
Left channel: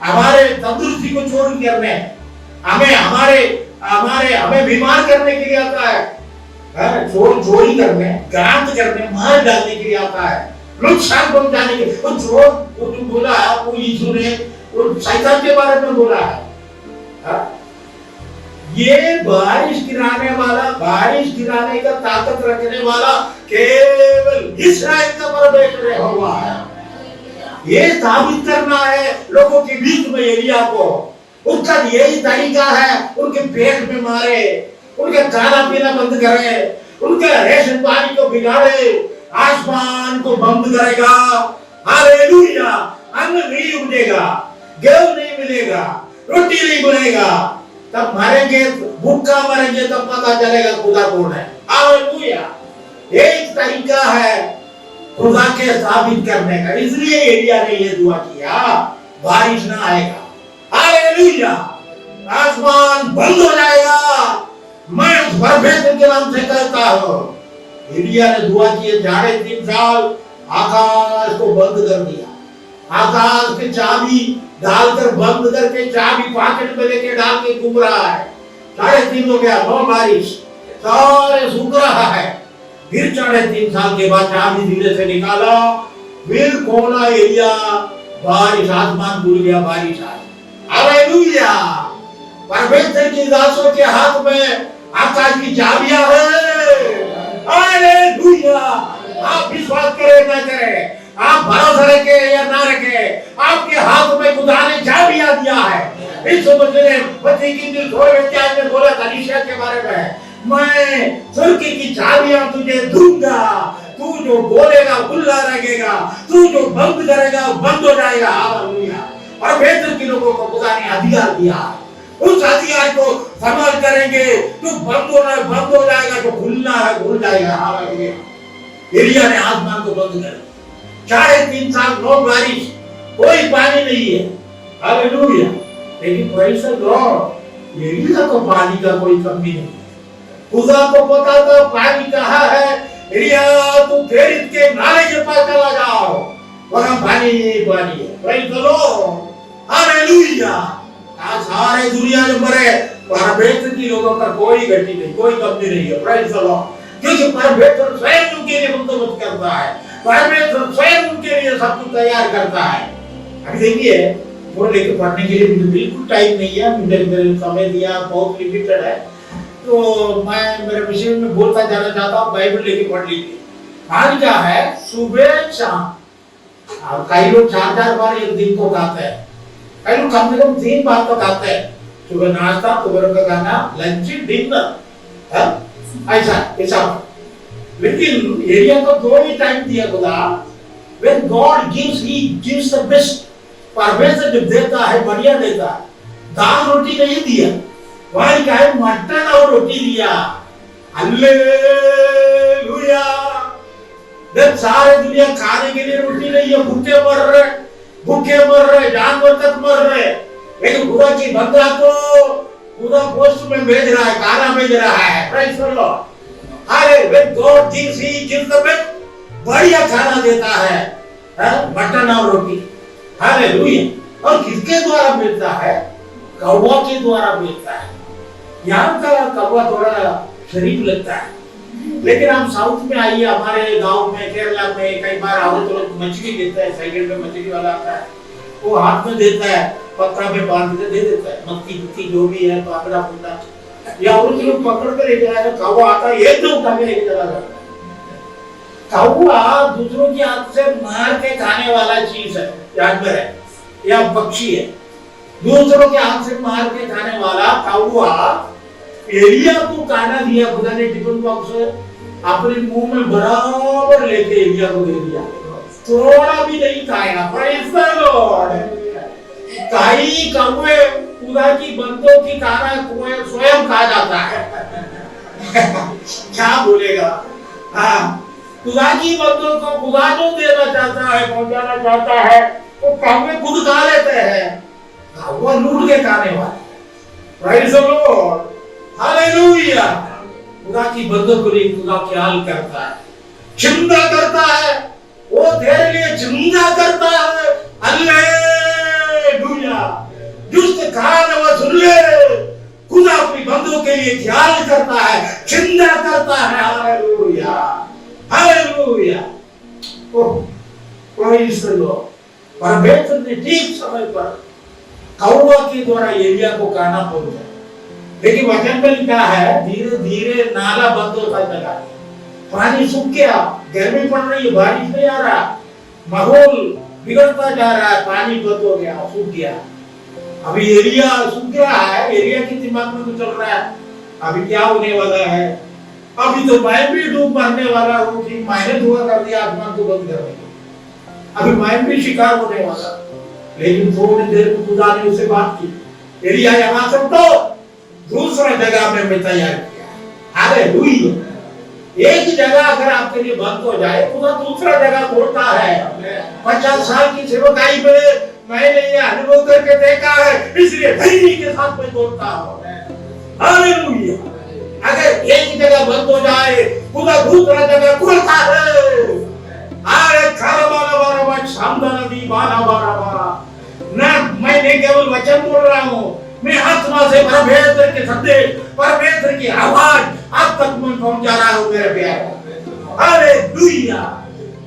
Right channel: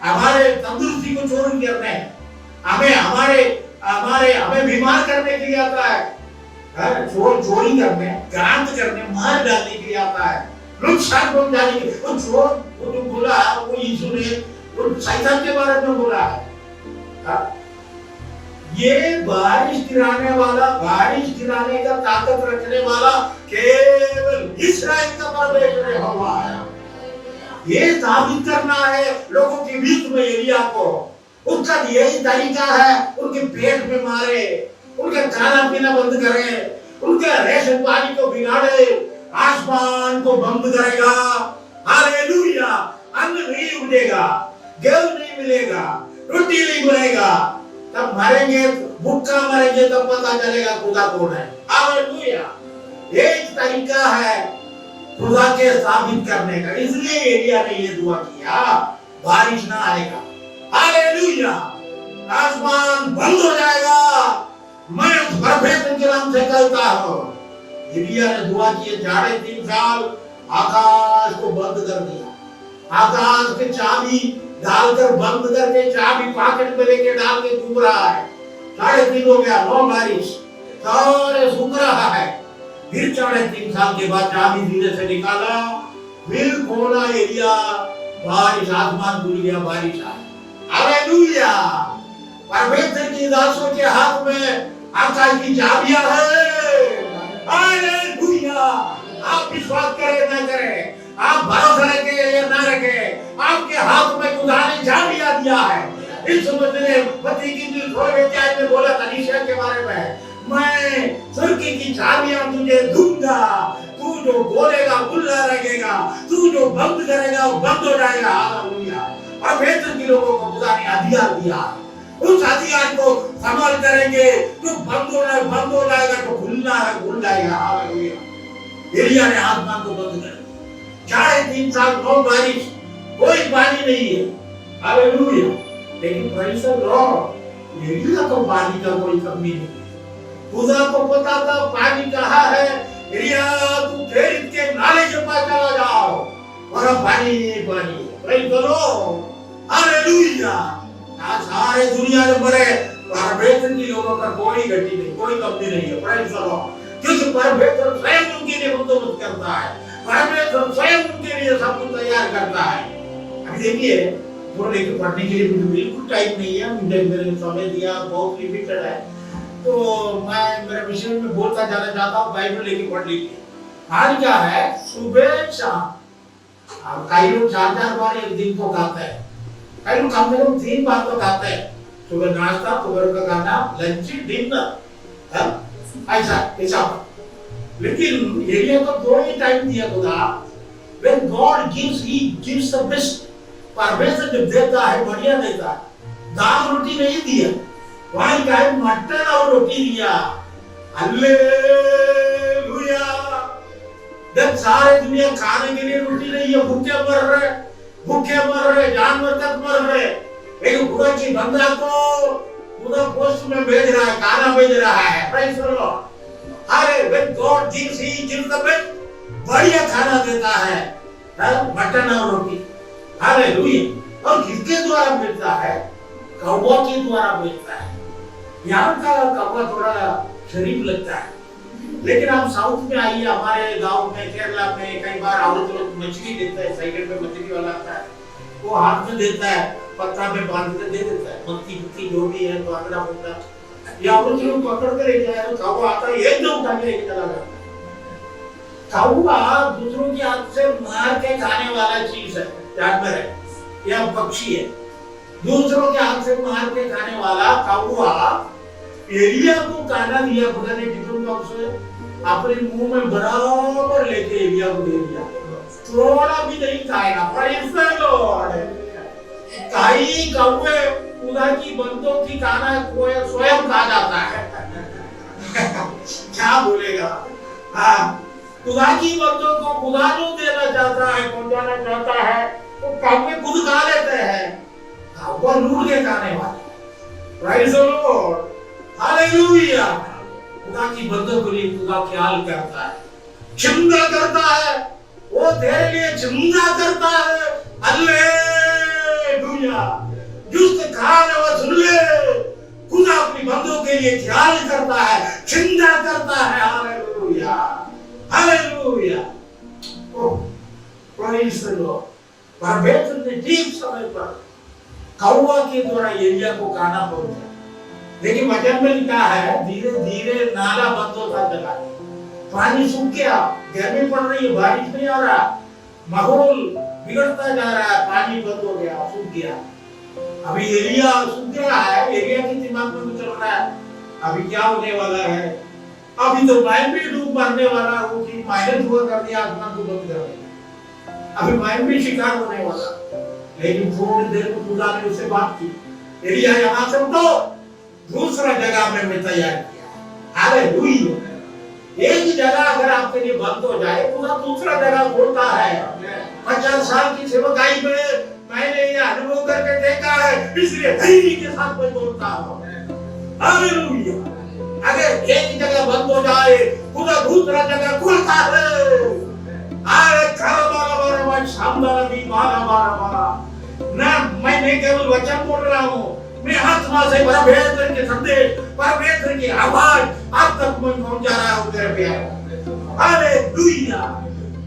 हमारे तंदुरुस्ती को चोरी करने, हमें बीमार करने के लिए आता है। चोर चोरी करने, घात करने, मार डालने के लिए आता है, नुकसान पहुंचाने के लिए। वो चोर वो जो बोला है वो यीशु ने वो शैतान के बारे में बोला है। ये बारिश गिराने वाला, बारिश गिराने का ताकत रखने वाला केवल इस्राएल का परमेश्वर है। ये साबित करना है लोगों के बीच में एलिया को उसका यही तरीका है, उनके पेट में मारे, उनका खाना पीना बंद करे, उनके रेशन पानी को बिगाड़े, आसमान को बंद करेगा। हालेलुया। अन्न नहीं उगेगा, गेहूं नहीं मिलेगा, रोटी नहीं बनेगा, तब मरेंगे, भूखा मरेंगे, तब पता चलेगा खुदा कौन है। हालेलुया। एक तरीका है खुदा के साबित करने का, इसलिए एलिया ने ये दुआ किया, बारिश ना आएगा। हालेलुया। आसमान बंद हो जाएगा। मैं उस परमेश्वर के नाम से कहता हूं, एलिया ने दुआ किए 3.5 साल, आकाश को बंद कर दिया। आकाश के चाबी डालकर बंद करके, चाबी पॉकेट में लेके डाल के घूम रहा है। 3.5 हो गया, 9 बारिश, सारे सूख रहा है। फिर 3.5 साल के बाद चाबी धीरे से निकाला, फिर खोला एलिया, बारिश, आसमान खुल गया, बारिश आई। हालेलुया। परमेश्वर की दासों के हाथ में आकाश की चाबियां हैं। हालेलुया। आप विश्वास करें ना करें, आप भरोसा रखे या ना रखे, आपके हाथ में खुदा ने चाबियां दिया है। इस समझने बच्चे की दिल थोड़े क्या ने बोला था निशा के बारे में, मैं स्वर्ग की चाबियां तुझे दूंगा, तू जो बोलेगा खुला रहेगा, तू जो बंद करेगा बंद हो जाएगा। हालेलुया। और बेहतर के लोगों को खुदा ने अधिकार दिया है, उस अधिकार को संभाल करेंगे, जो बंद होना है बंद हो जाएगा, जो खुलना है खुल जाएगा। हालेलुया। एलिया ने आसमान को बंद कर दिया। 3.5 साल 9 बारिश, कोई पानी नहीं है। हालेलुया। लेकिन प्रेज़ द लॉर्ड, एलिया को पानी का कोई कमी नहीं। खुदा को पता था पानी कहाँ है। एलिया तू फेरित के नाले के पास चला जाओ, वहां पानी पानी है। Praise the Lord. हालेलुया। आज सारे दुनिया में मरे, परमेश्वर की लोगों का कोई गति नहीं, कोई कमी नहीं है। Praise the Lord. क्योंकि परमेश्वर स्वयं उनके लिए बंदोबस्त करता है, परमेश्वर स्वयं उनके लिए सब कुछ तैयार करता है। अभी देखिए, वो लेकर पढ़ने के लिए मुझे बिल्कुल टाइम नहीं है, मुझे मेरे समय दिया बहुत लिमिटेड है, तो मैं मेरे विषय में बोलता जाना चाहता हूँ। बाइबल लेके पढ़ लीजिए। आज क्या है, सुबह शाम, कई लोग 4-4 बार एक दिन को गाते हैं, कई लोग कम से कम 3 बार तो गाते हैं। सुबह नाश्ता, दोपहर का गाना, लंच, डिनर, ऐसा। लेकिन एलिया को 2 ही टाइम दिया खुदा। When God gives, He gives the best. परमेश्वर जब देता है बढ़िया देता है। दाल रोटी नहीं दिया, वहां क्या है, मटन और रोटी दिया। हालेलुया। जब सारे दुनिया खाने के लिए रोटी नहीं है, भूखे मर रहे, जानवर तक मर रहे, लेकिन खुदा की बंदा को खुदा पोस्ट में भेज रहा है, खाना भेज रहा है। Praise the Lord. अरे when God gives, He gives the best. बढ़िया खाना देता है, मटन और रोटी। हालेलुया। और किसके द्वारा मिलता है? कौवा के द्वारा मिलता है। यहाँ का कौवा थोड़ा शरीफ लगता है, लेकिन हम साउथ में आइए, हमारे गांव में, केरला में कई बार आओ तो लोग मछली देता है, साइकिल में मछली वाला आता है, वो हाथ में देता है, पत्ता में बांध के दे देता है, मक्की जो भी है, पाकड़ा फूटा, या और लोग पकड़ कर ले जाए, कौवा आता है एक दो उठा के लेके चला जाता है। कौवा दूसरों की हाथ से मार के खाने वाला चीज है, जानवर है या पक्षी है। दूसरों के हाथ से मार के खाने वाला कौवा एलिया को खाना दिया खुदा ने, टिफिन बॉक्स अपने मुंह में बराबर लेके एलिया को दे दिया, थोड़ा भी नहीं खाएगा। Praise the Lord. कई कौवे खुदा की बंदों की खाना स्वयं खा जाता है। क्या बोलेगा? हाँ, खुदा की बंदों को खुदा जो देना चाहता है, पहुंचाना चाहता है, वो कौवे खुद खा लेते हैं। कौवा लूट के खाने वाले। Praise the Lord. हालेलुया। खुदा की बंदों के लिए खुदा ख्याल करता है, चिंता करता है, वो तेरे लिए चिंता करता है। हालेलुया। जिसके कान में सुन ले, खुदा अपनी बंदों के लिए ख्याल करता है, चिंता करता है। Hallelujah. Hallelujah. Praise the Lord. परमेश्वर ने ठीक समय पर कौवा के द्वारा एलिया को खाना पहुंचा, लेकिन वचन में लिखा है धीरे धीरे नाला बंद होता चला, पानी सूख गया, गर्मी पड़ रही है, बारिश नहीं आ रहा, माहौल बिगड़ता जा रहा है, पानी बंद हो गया, सूख गया। अभी एरिया सुन गया है, एरिया के दिमाग में तो चल रहा है अभी क्या होने वाला है। अभी तो मैं भी डूब मरने वाला हूँ कि मैंने धुआं कर दिया आसमान को बंद करने की। अभी मैं भी शिकार होने वाला, लेकिन थोड़ी देर में खुदा ने उससे बात की, एरिया यहाँ से उठो, दूसरा जगह में मैं तैयार किया। हालेलुया। एक जगह अगर आपके लिए बंद हो जाए, खुदा दूसरा जगह खोलता है। 50 साल की सेवकाई में मैंने ये अनुभव करके देखा है, इसलिए धैर्य के साथ मैं बोलता हूँ। हालेलुया। अगर एक जगह बंद हो जाए, खुदा दूसरा जगह खोलता है। अरे खाना शानदार दी बारा बारा बारा ना, मैंने केवल वचन बोल रहा हूँ, मैं आत्मा से परमेश्वर के संदेश, परमेश्वर की आवाज आप तक मैं पहुंचा रहा हूँ मेरे प्यारे। Hallelujah.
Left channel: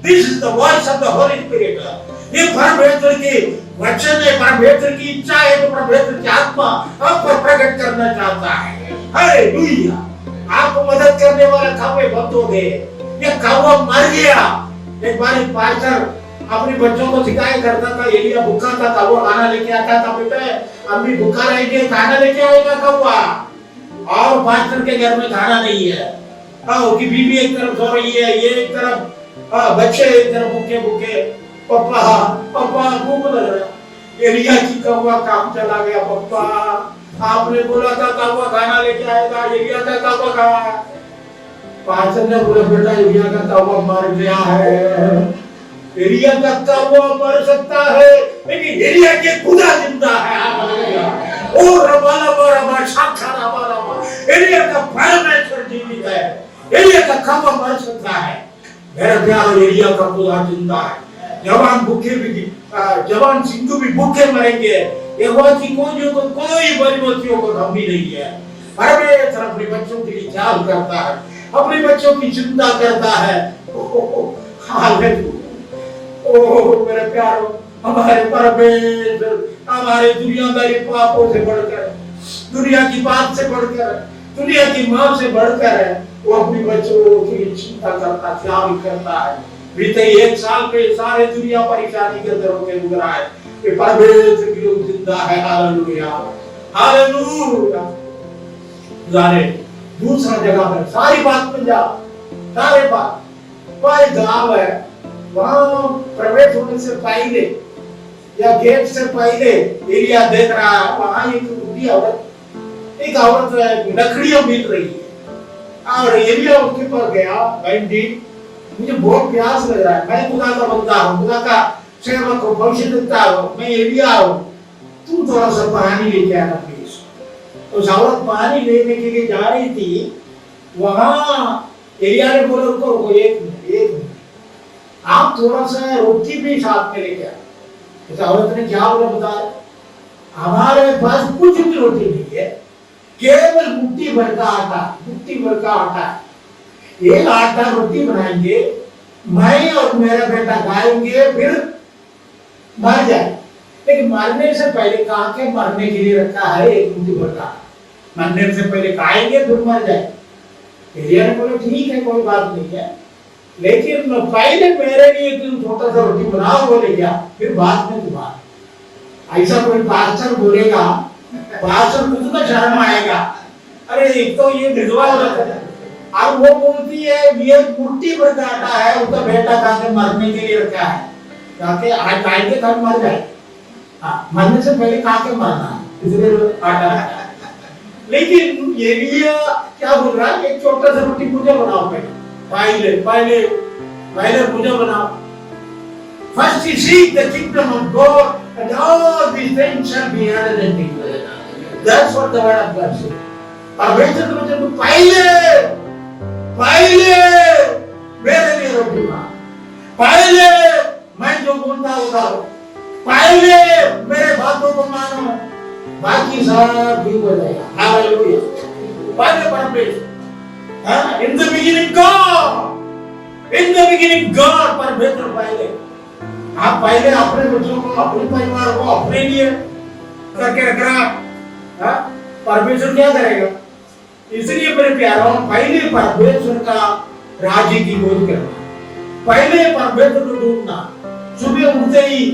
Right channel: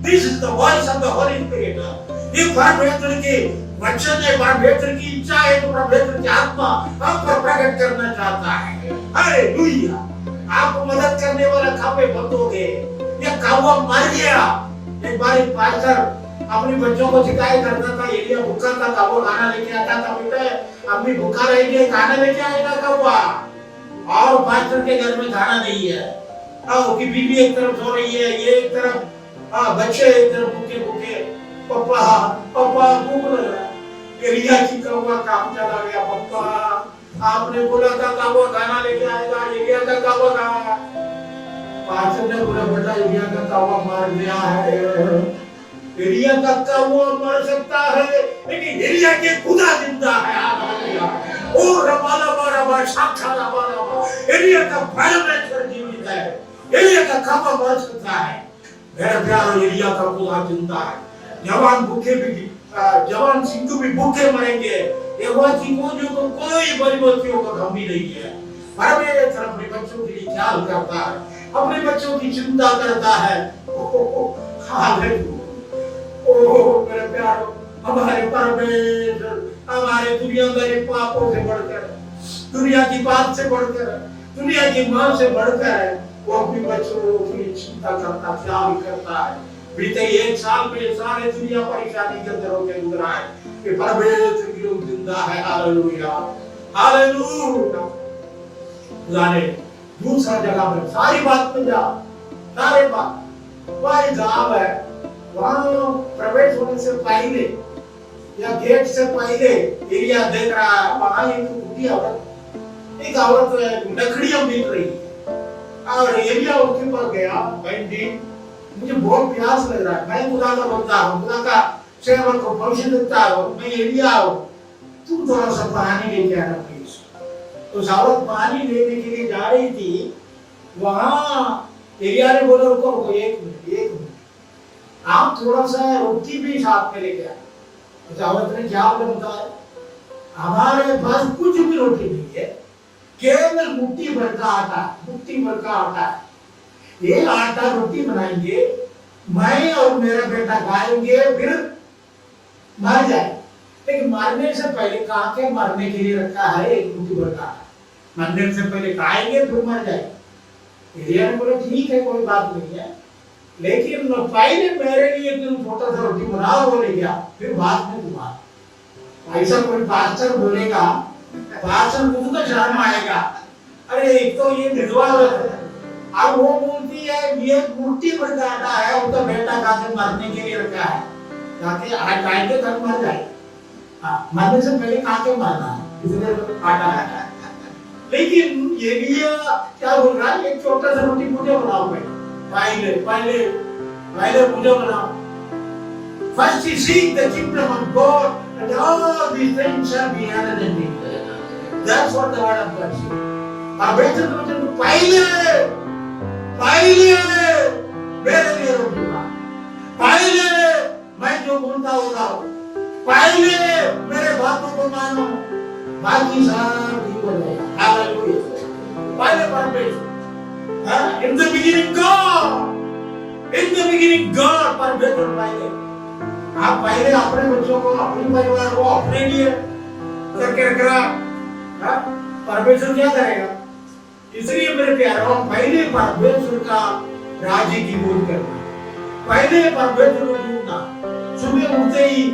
This is the voice of the Holi spirit. ये परमेश्वर के वचन है, परमेश्वर की इच्छा है, तो परमेश्वर की आत्मा आप पर प्रकट करना चाहता है। हालेलुया। आपको मदद करने वाला कौवे बंद हो गए, ये कौवा मर गया। एक बार एक पास्टर अपने बच्चों को सिखाया करता था, एलिया भूखा था, वो खाना लेके आता था, बेटा अम्मी भूखा रहेगी, खाना लेके आएगा कौवा। और पास्टर के घर में खाना नहीं है, कि बीवी एक तरफ सो रही है, ये एक तरफ, बच्चे एक तरफ भूखे भूखे, पापा पापा भूख लग रहा है। एलिया की कौवा काम चला गया, पापा आपने बोला था कौवा खाना लेके आएगा, एलिया का कौवा कहाँ है? पास्टर ने बोला बेटा एलिया का कौवा मर गया है। एलिया का कौवा मर सकता है, लेकिन एलिया के खुदा जिंदा है। हालेलुया। ओ रबाला बारा शाखा रबाला, एलिया का परमेश्वर जीवित है। एलिया का कौवा मर सकता है, मेरे प्यारे एलिया का खुदा जिंदा है। जवान भूखे भी, जवान सिंधु भी भूखे मरेंगे। यहोवा की कोई बलियों को कमी नहीं है। परमेश्वर अपने बच्चों के लिए ख्याल करता है, अपने बच्चों की चिंता करता है। हालेलुया। ओह मेरे प्यारो, हमारे परमेश्वर हमारे दुनियादारी पापों से बढ़कर, दुनिया की बात से बढ़कर, दुनिया की मां से बढ़कर है। वो अपने बच्चों की चिंता करता, ख्याल करता है। बीते एक साल में सारे दुनिया परेशानी के अंदर होकर गुजरा है, ये परमेश्वर की लोग जिंदा है। हालेलुया। हालेलुया। जाने दूसरा जगह पर सारी बात में जा, सारे बात कोई गांव है, वहां प्रवेश होने से पहले या गेट से पहले एरिया देख रहा है, वहां एक बूढ़ी औरत, एक औरत लकड़ियां बीत रही है। और एरिया उसके पास गया, बहन जी मुझे बहुत प्यास लग रहा है, मैं खुदा का बंदा हूँ, खुदा का सेवक हूँ, भविष्य देता हूँ, मैं एरिया हूँ, तू थोड़ा सा पानी लेके आना प्लीज। उस औरत पानी लेने के लिए जा रही थी, वहां एरिया ने बोला रुको रुको एक मिनट, आप थोड़ा सा रोटी भी साथ में लेके आए। उस औरत ने क्या बोला बताया, हमारे पास कुछ भी रोटी नहीं है, केवल मुट्ठी भर का आटा, मुट्ठी भर का आटा, एक आटा रोटी बनाएंगे, मैं और मेरा बेटा खाएंगे, फिर मर जाए। लेकिन मरने से पहले कहा के मरने के लिए रखा है एक मुट्ठी भर का, मरने से पहले खाएंगे फिर मर जाए। एलिया ने बोला ठीक है कोई बात नहीं है, लेकिन पहले मेरे लिए तुम छोटा सा रोटी बनाओ, बोले क्या, फिर बाद में तुम्हारा। ऐसा कोई पास्टर बोलेगा, पास्टर खुद को शर्म आएगा। अरे एक तो ये विधवा औरत है, और वो बोलती है ये मुट्ठी भर का आटा है, उसका बेटा खा के मरने के लिए रखा है, ताकि आज खाएंगे कल मर जाए। मरने से पहले खा के मरना है, इसलिए आटा है। लेकिन एलिया क्या बोल रहा है, एक छोटा सा रोटी मुझे बनाओ, पहले पहले पहले मुझे बनाओ। First you seek the kingdom of God, and all these things shall be added unto you. That's what the word of God says. परमेश्वर के वचन को पहले मेरे लिए रोटी बना, पहले मैं जो बोलता होता हूँ, पहले मेरे बातों को मानो, बाकी सब ठीक हो जाएगा। हालेलुया। पहले परमेश्वर, in the beginning God, in the beginning God, परमेश्वर पहले। आप पहले अपने बच्चों को, अपने परिवार को, अपने लिए करके रख रहा, परमेश्वर क्या करेगा? इसलिए मेरे प्यारों, पहले परमेश्वर का राज्य की खोज करना, पहले परमेश्वर को ढूंढना, सुबह उठते ही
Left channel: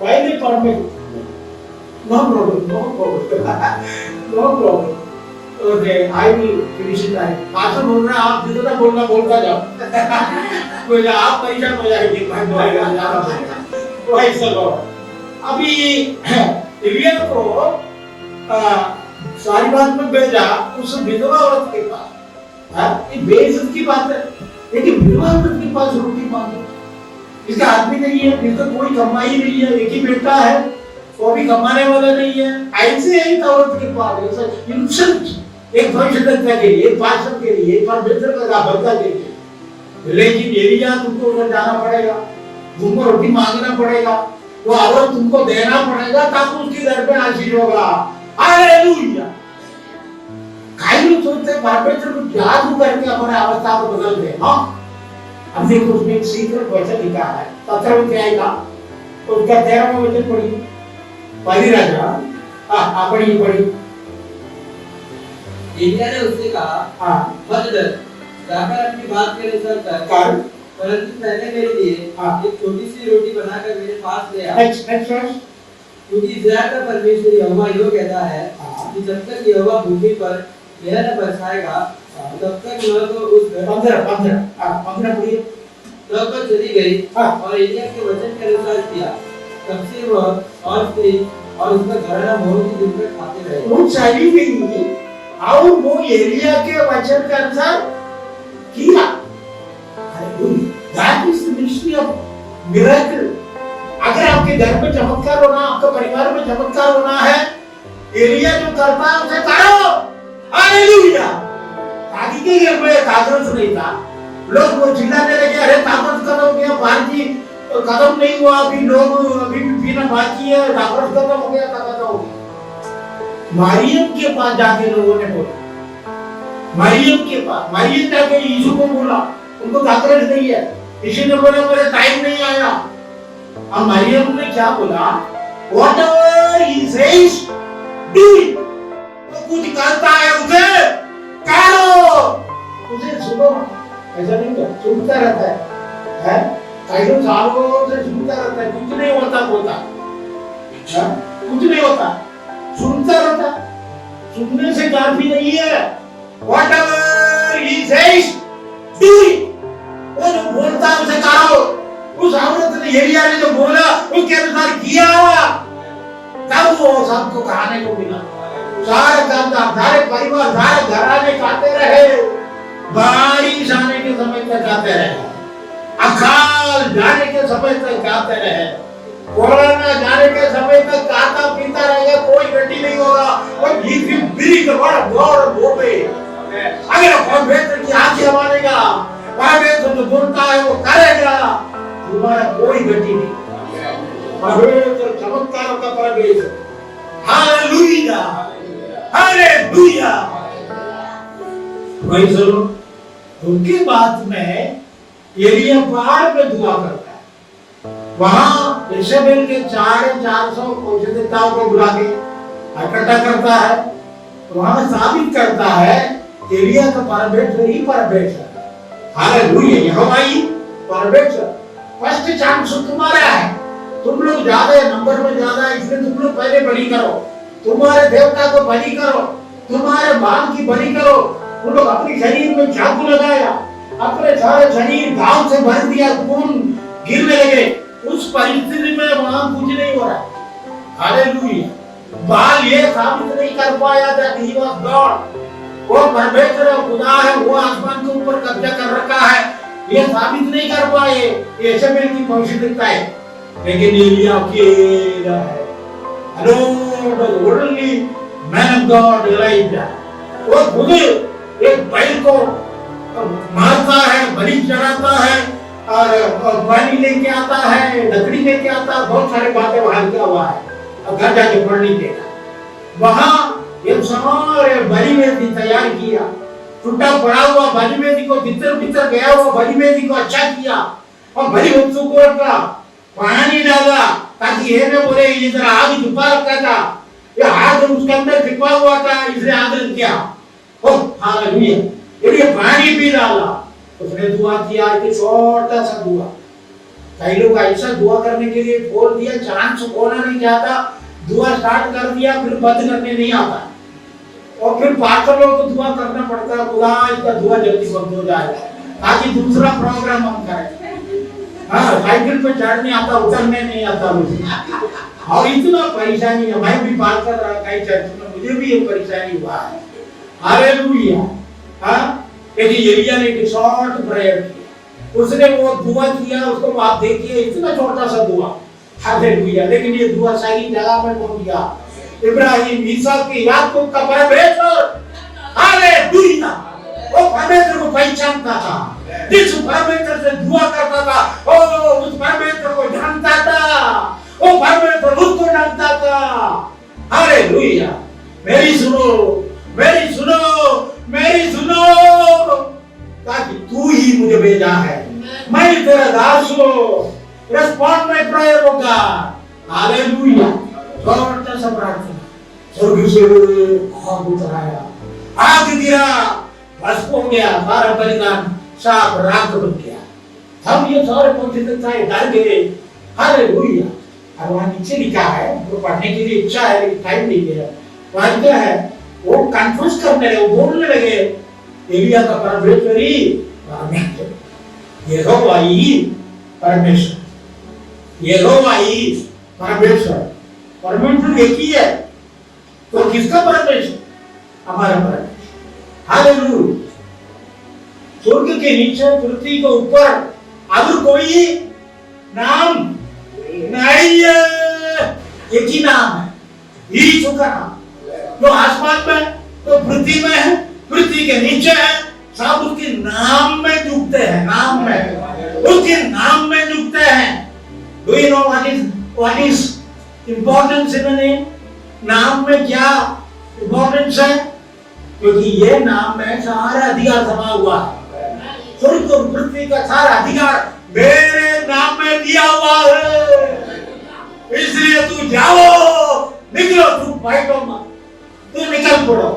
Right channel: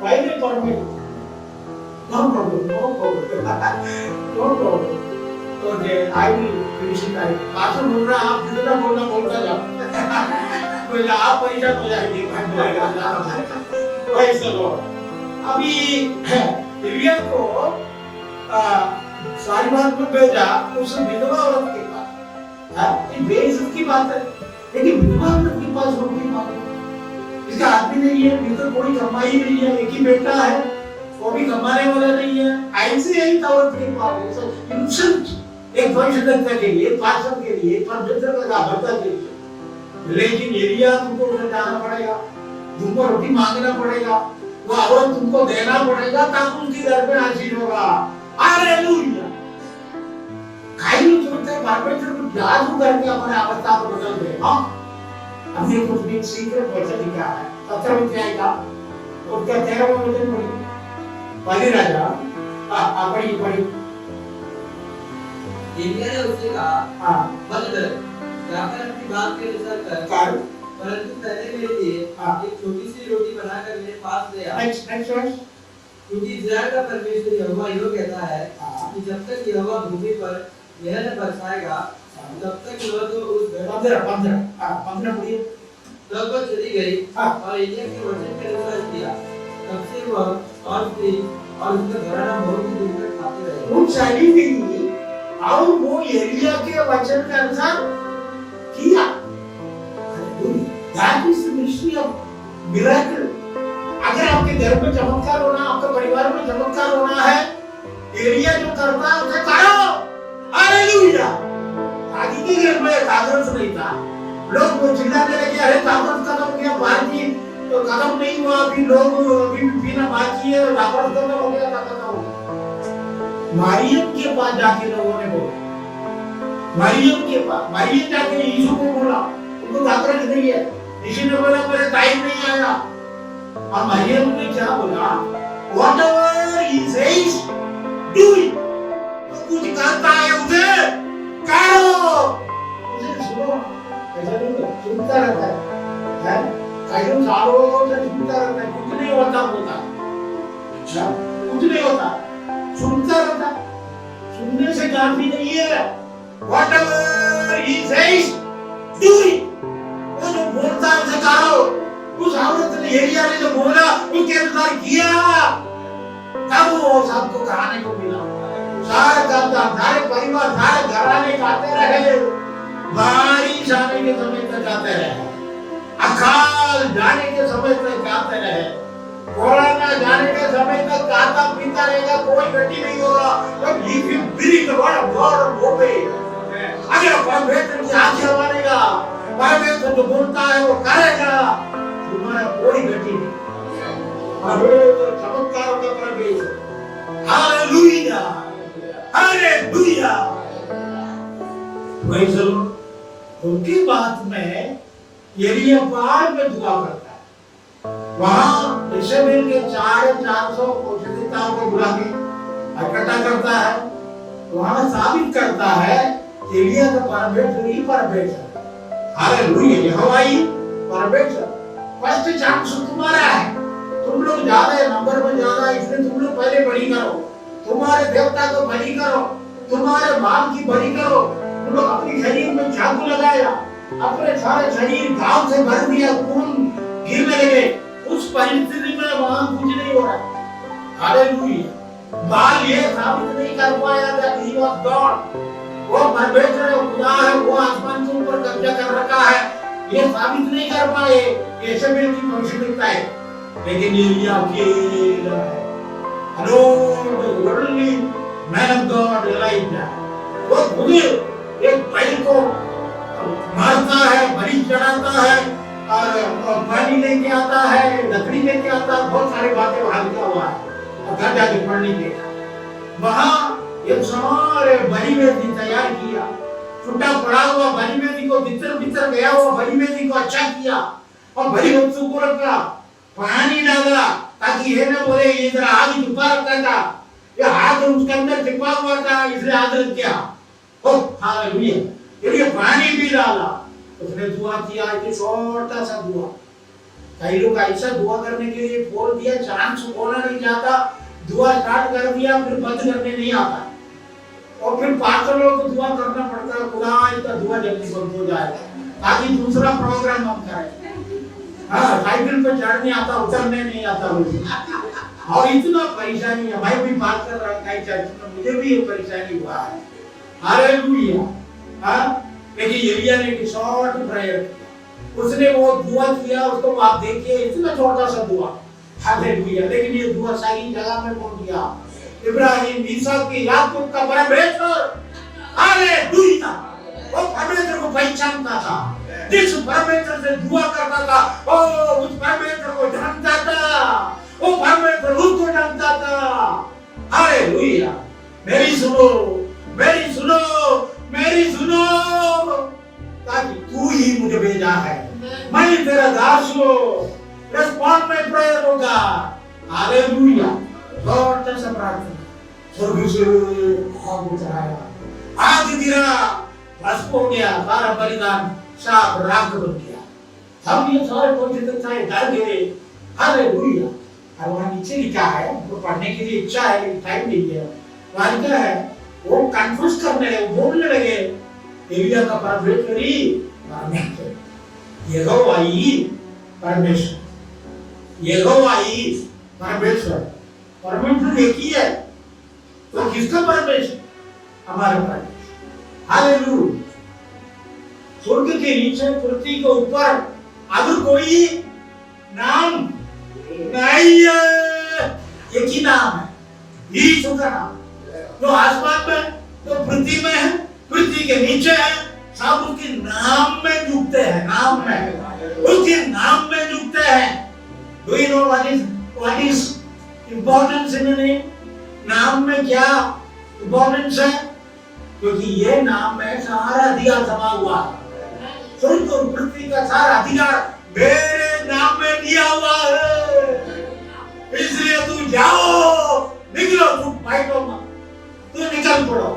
पहले परमेश्वर। No problem, no problem. No problem. Okay, I will finish it. पास बोल रहा आप जितना बोलना बोलता जाओ। कोई आप परेशान हो जाएंगे भाई बोलेगा ज़्यादा बोलेगा। तो ऐसा लो। अभी इलियन को सारी बात में भेजा उस विधवा औरत के पास। हाँ, ये बेइज्जत की बात है। लेकिन विधवा औरत के पास रोटी मांगी। इसका आदमी नहीं है, फिर तो कोई कमाई नहीं है, एक ही बेटा है, वो भी कमाने वाला नहीं है। ऐसे ही औरत के पास इंसल्ट, एक भविष्यद्वक्ता के लिए, एक पास्टर के लिए, एक परमेश्वर का भक्ता के लिए। लेकिन एलिया तुमको उधर जाना पड़ेगा, तुमको रोटी मांगना पड़ेगा, वो औरत तुमको देना पड़ेगा ताकि उसके घर में आशीष होगा। हालेलुया। कई लोग सोचते हैं परमेश्वर को जादू करके हमारे अवस्था को बदल दे। हाँ, अब देखो उसमें एक सीक्रेट वचन लिखा है 17 अध्याय का, उसका 13वां वचन पढ़िए। पहली राजा पढ़ी। एलिया ने उससे कहा, मत डर, जाकर अपनी बात के अनुसार कर, परंतु पहले मेरे लिए एक छोटी सी रोटी बनाकर मेरे पास ले आ। क्योंकि इस्राएल का परमेश्वर यहोवा यो कहता है कि जब तक यहोवा भूमि पर मेरा न बरसाएगा तब तक न तो उस 15 पढ़िए। तब वह चली गई और एलिया के वचन के अनुसार किया। तब से वह और स्त्री और उसका घराना बहुत ही दुख में खाते रहे। वो चली गई और वो एलिया के वचन के अनुसार किया। That is the mystery of miracle. अगर आपके घर पे चमत्कार होना, आपके परिवार में चमत्कार होना है, एलिया जो करता है उसे करो। हालेलुया। आदि के घर में कागज नहीं था, लोग वो चिल्लाने लगे, अरे कागज खत्म हो गया, बाकी खत्म नहीं हुआ, अभी लोग अभी भी पीना बाकी है, कागज खत्म हो गया, खत्म हो गया। मरियम के पास जाके लोगों ने बोला, मरियम के पास, मरियम जाके यीशु को बोला, उनको कागज नहीं है, यीशु ने बोला मेरा टाइम नहीं आया। और मरियम ने क्या बोला, whatever he says, do it. कुछ कहता है उसे करो, उसे सुनो। ऐसा नहीं तो सुनता रहता है, कई लोग सालों से सुनता रहता है, कुछ नहीं होता बोलता, कुछ नहीं होता, सुनता रहता। सुनने से काफी नहीं है। Whatever he says, do it. वो जो बोलता है उसे करो। उस औरत ने, एलिया ने जो बोला उसके अनुसार किया, तब वो सबको खाने को मिला। सारे सारे परिवार, सारे घराने खाते रहे, बारिश आने के समय तक खाते रहे, अकाल जाने के समय तक खाते रहे, कोरोना जाने के समय तक खाता पीता रहेगा, कोई गति नहीं होगा। और ये बिरी का बड़ा गौर भोपे, अगर परमेश्वर की आज्ञा मानेगा, परमेश्वर जो बोलता है वो करेगा, तुम्हारा कोई गति नहीं। परमेश्वर चमत्कारों का परमेश्वर। Hallelujah, hallelujah. भाई चलो, उनकी बात में एलिया पहाड़ में दुआ करता है, वहां इस्राएल के 450 पवित्रताओं को बुला के इकट्ठा करता है, वहां साबित करता है एलिया का परमेश्वर ही परमेश्वर। हालेलुया, यहोवा ही परमेश्वर। फर्स्ट चांस तुम्हारा है, तुम लोग ज्यादा नंबर में ज्यादा, इसलिए तुम लोग पहले बलि करो, तुम्हारे देवता को बलि करो, तुम्हारे बाल की बलि करो। उन लोग अपने शरीर में चाकू लगाया, अपने सारे शरीर घाव से भर दिया, खून गिरने लगे। उस परिस्थिति में वहां कुछ नहीं हो रहा। हालेलुया। बाल ये साबित नहीं कर पाया that he was God, वो परमेश्वर है, खुदा है, वो आसमान के ऊपर कब्जा कर रखा है, ये साबित नहीं कर पाए। ये इस्राएल की भविष्यवाणी है, लेकिन एलिया अकेला है। Only man of God Elijah, वो खुद एक बैल को मारता है, बलि चढ़ाता है, और पानी लेके आता है, लकड़ी लेके आता है, बहुत सारी बातें वहां लिखा हुआ है, और घर जाके पढ़ लीजिए। वहां एक सारे बलि वेदी तैयार किया, टूटा पड़ा हुआ बलि वेदी को, भीतर गया हुआ बलि वेदी को अच्छा किया, और बलि वस्तु को रखा, पानी डाला ताकि ये न बोले इधर आग छुपा रखा था, ये आग उसके अंदर छिपा हुआ था, इसलिए आग रख किया। ओ हालेलुया। ये पानी भी डाला, उसने दुआ किया, कि छोटा सा दुआ। कई लोग ऐसा दुआ करने के लिए बोल दिया, चांस होना नहीं चाहता, दुआ स्टार्ट कर दिया फिर बंद करने नहीं आता है। और फिर पार्षदों को दुआ करना पड़ता है, खुदा इसका दुआ जल्दी बंद हो जाए ताकि दूसरा प्रोग्राम हम करें। हाँ, साइकिल पे चढ़ने आता, उतरने नहीं आता मुझे। और इतना परेशानी है, मैं भी बात कर रहा कई चर्च में, मुझे भी ये परेशानी हुआ है। हालेलुया। हाँ, लेकिन एलिया ने एक शॉर्ट प्रेयर किया, उसने वो दुआ किया, उसको आप देखिए इतना छोटा सा दुआ। हालेलुया। लेकिन ये दुआ सही जगह में पहुंच गया। इब्राहिम, इसहाक की याकूब का परमेश्वर, हालेलुया, वो परमेश्वर को पहचानता था, जिस परमेश्वर से दुआ करता था, ओ उस परमेश्वर को जानता था, वो परमेश्वर उसको जानता था। हालेलुया। मेरी सुनो, मेरी सुनो, मेरी सुनो, ताकि तू ही मुझे भेजा है, मैं तेरा दास हूं। Respond my prayer O God. Hallelujah. छोटा सा प्रार्थना, स्वर्ग से आग उतराया, आग गिरा, भस्म हो गया, सारा बलिदान साफ राख बन गया। हम ये सारे पहुंचे थे, डर गए। हालेलुया। और वहां नीचे लिखा है, वो पढ़ने के लिए इच्छा है लेकिन टाइम नहीं है। वहां क्या है, वो कंफ्यूज करने लगे, वो बोलने लगे एलिया का परमेश्वर ही परमेश्वर, यहोवा ही परमेश्वर, यहोवा ही परमेश्वर। परमेश्वर एक ही है, तो किसका परमेश्वर? हमारा परमेश्वर। हालेलुया। स्वर्ग के नीचे, पृथ्वी के ऊपर अगर कोई नाम नहीं है, एक ही नाम है, यीशु का नाम। जो आसमान में, तो पृथ्वी में है, पृथ्वी के नीचे है, सब उसके नाम में झुकते हैं, नाम में, उसके नाम में झुकते हैं। Do you know what is importance in the name? नाम में क्या इंपॉर्टेंस है? क्योंकि ये नाम में सारा अधिकार समा हुआ है। स्वर्ग और पृथ्वी का सारा अधिकार मेरे नाम में दिया हुआ है। इसलिए तू जाओ, निकलो, तू बैठो मत, तू निकल पड़ो।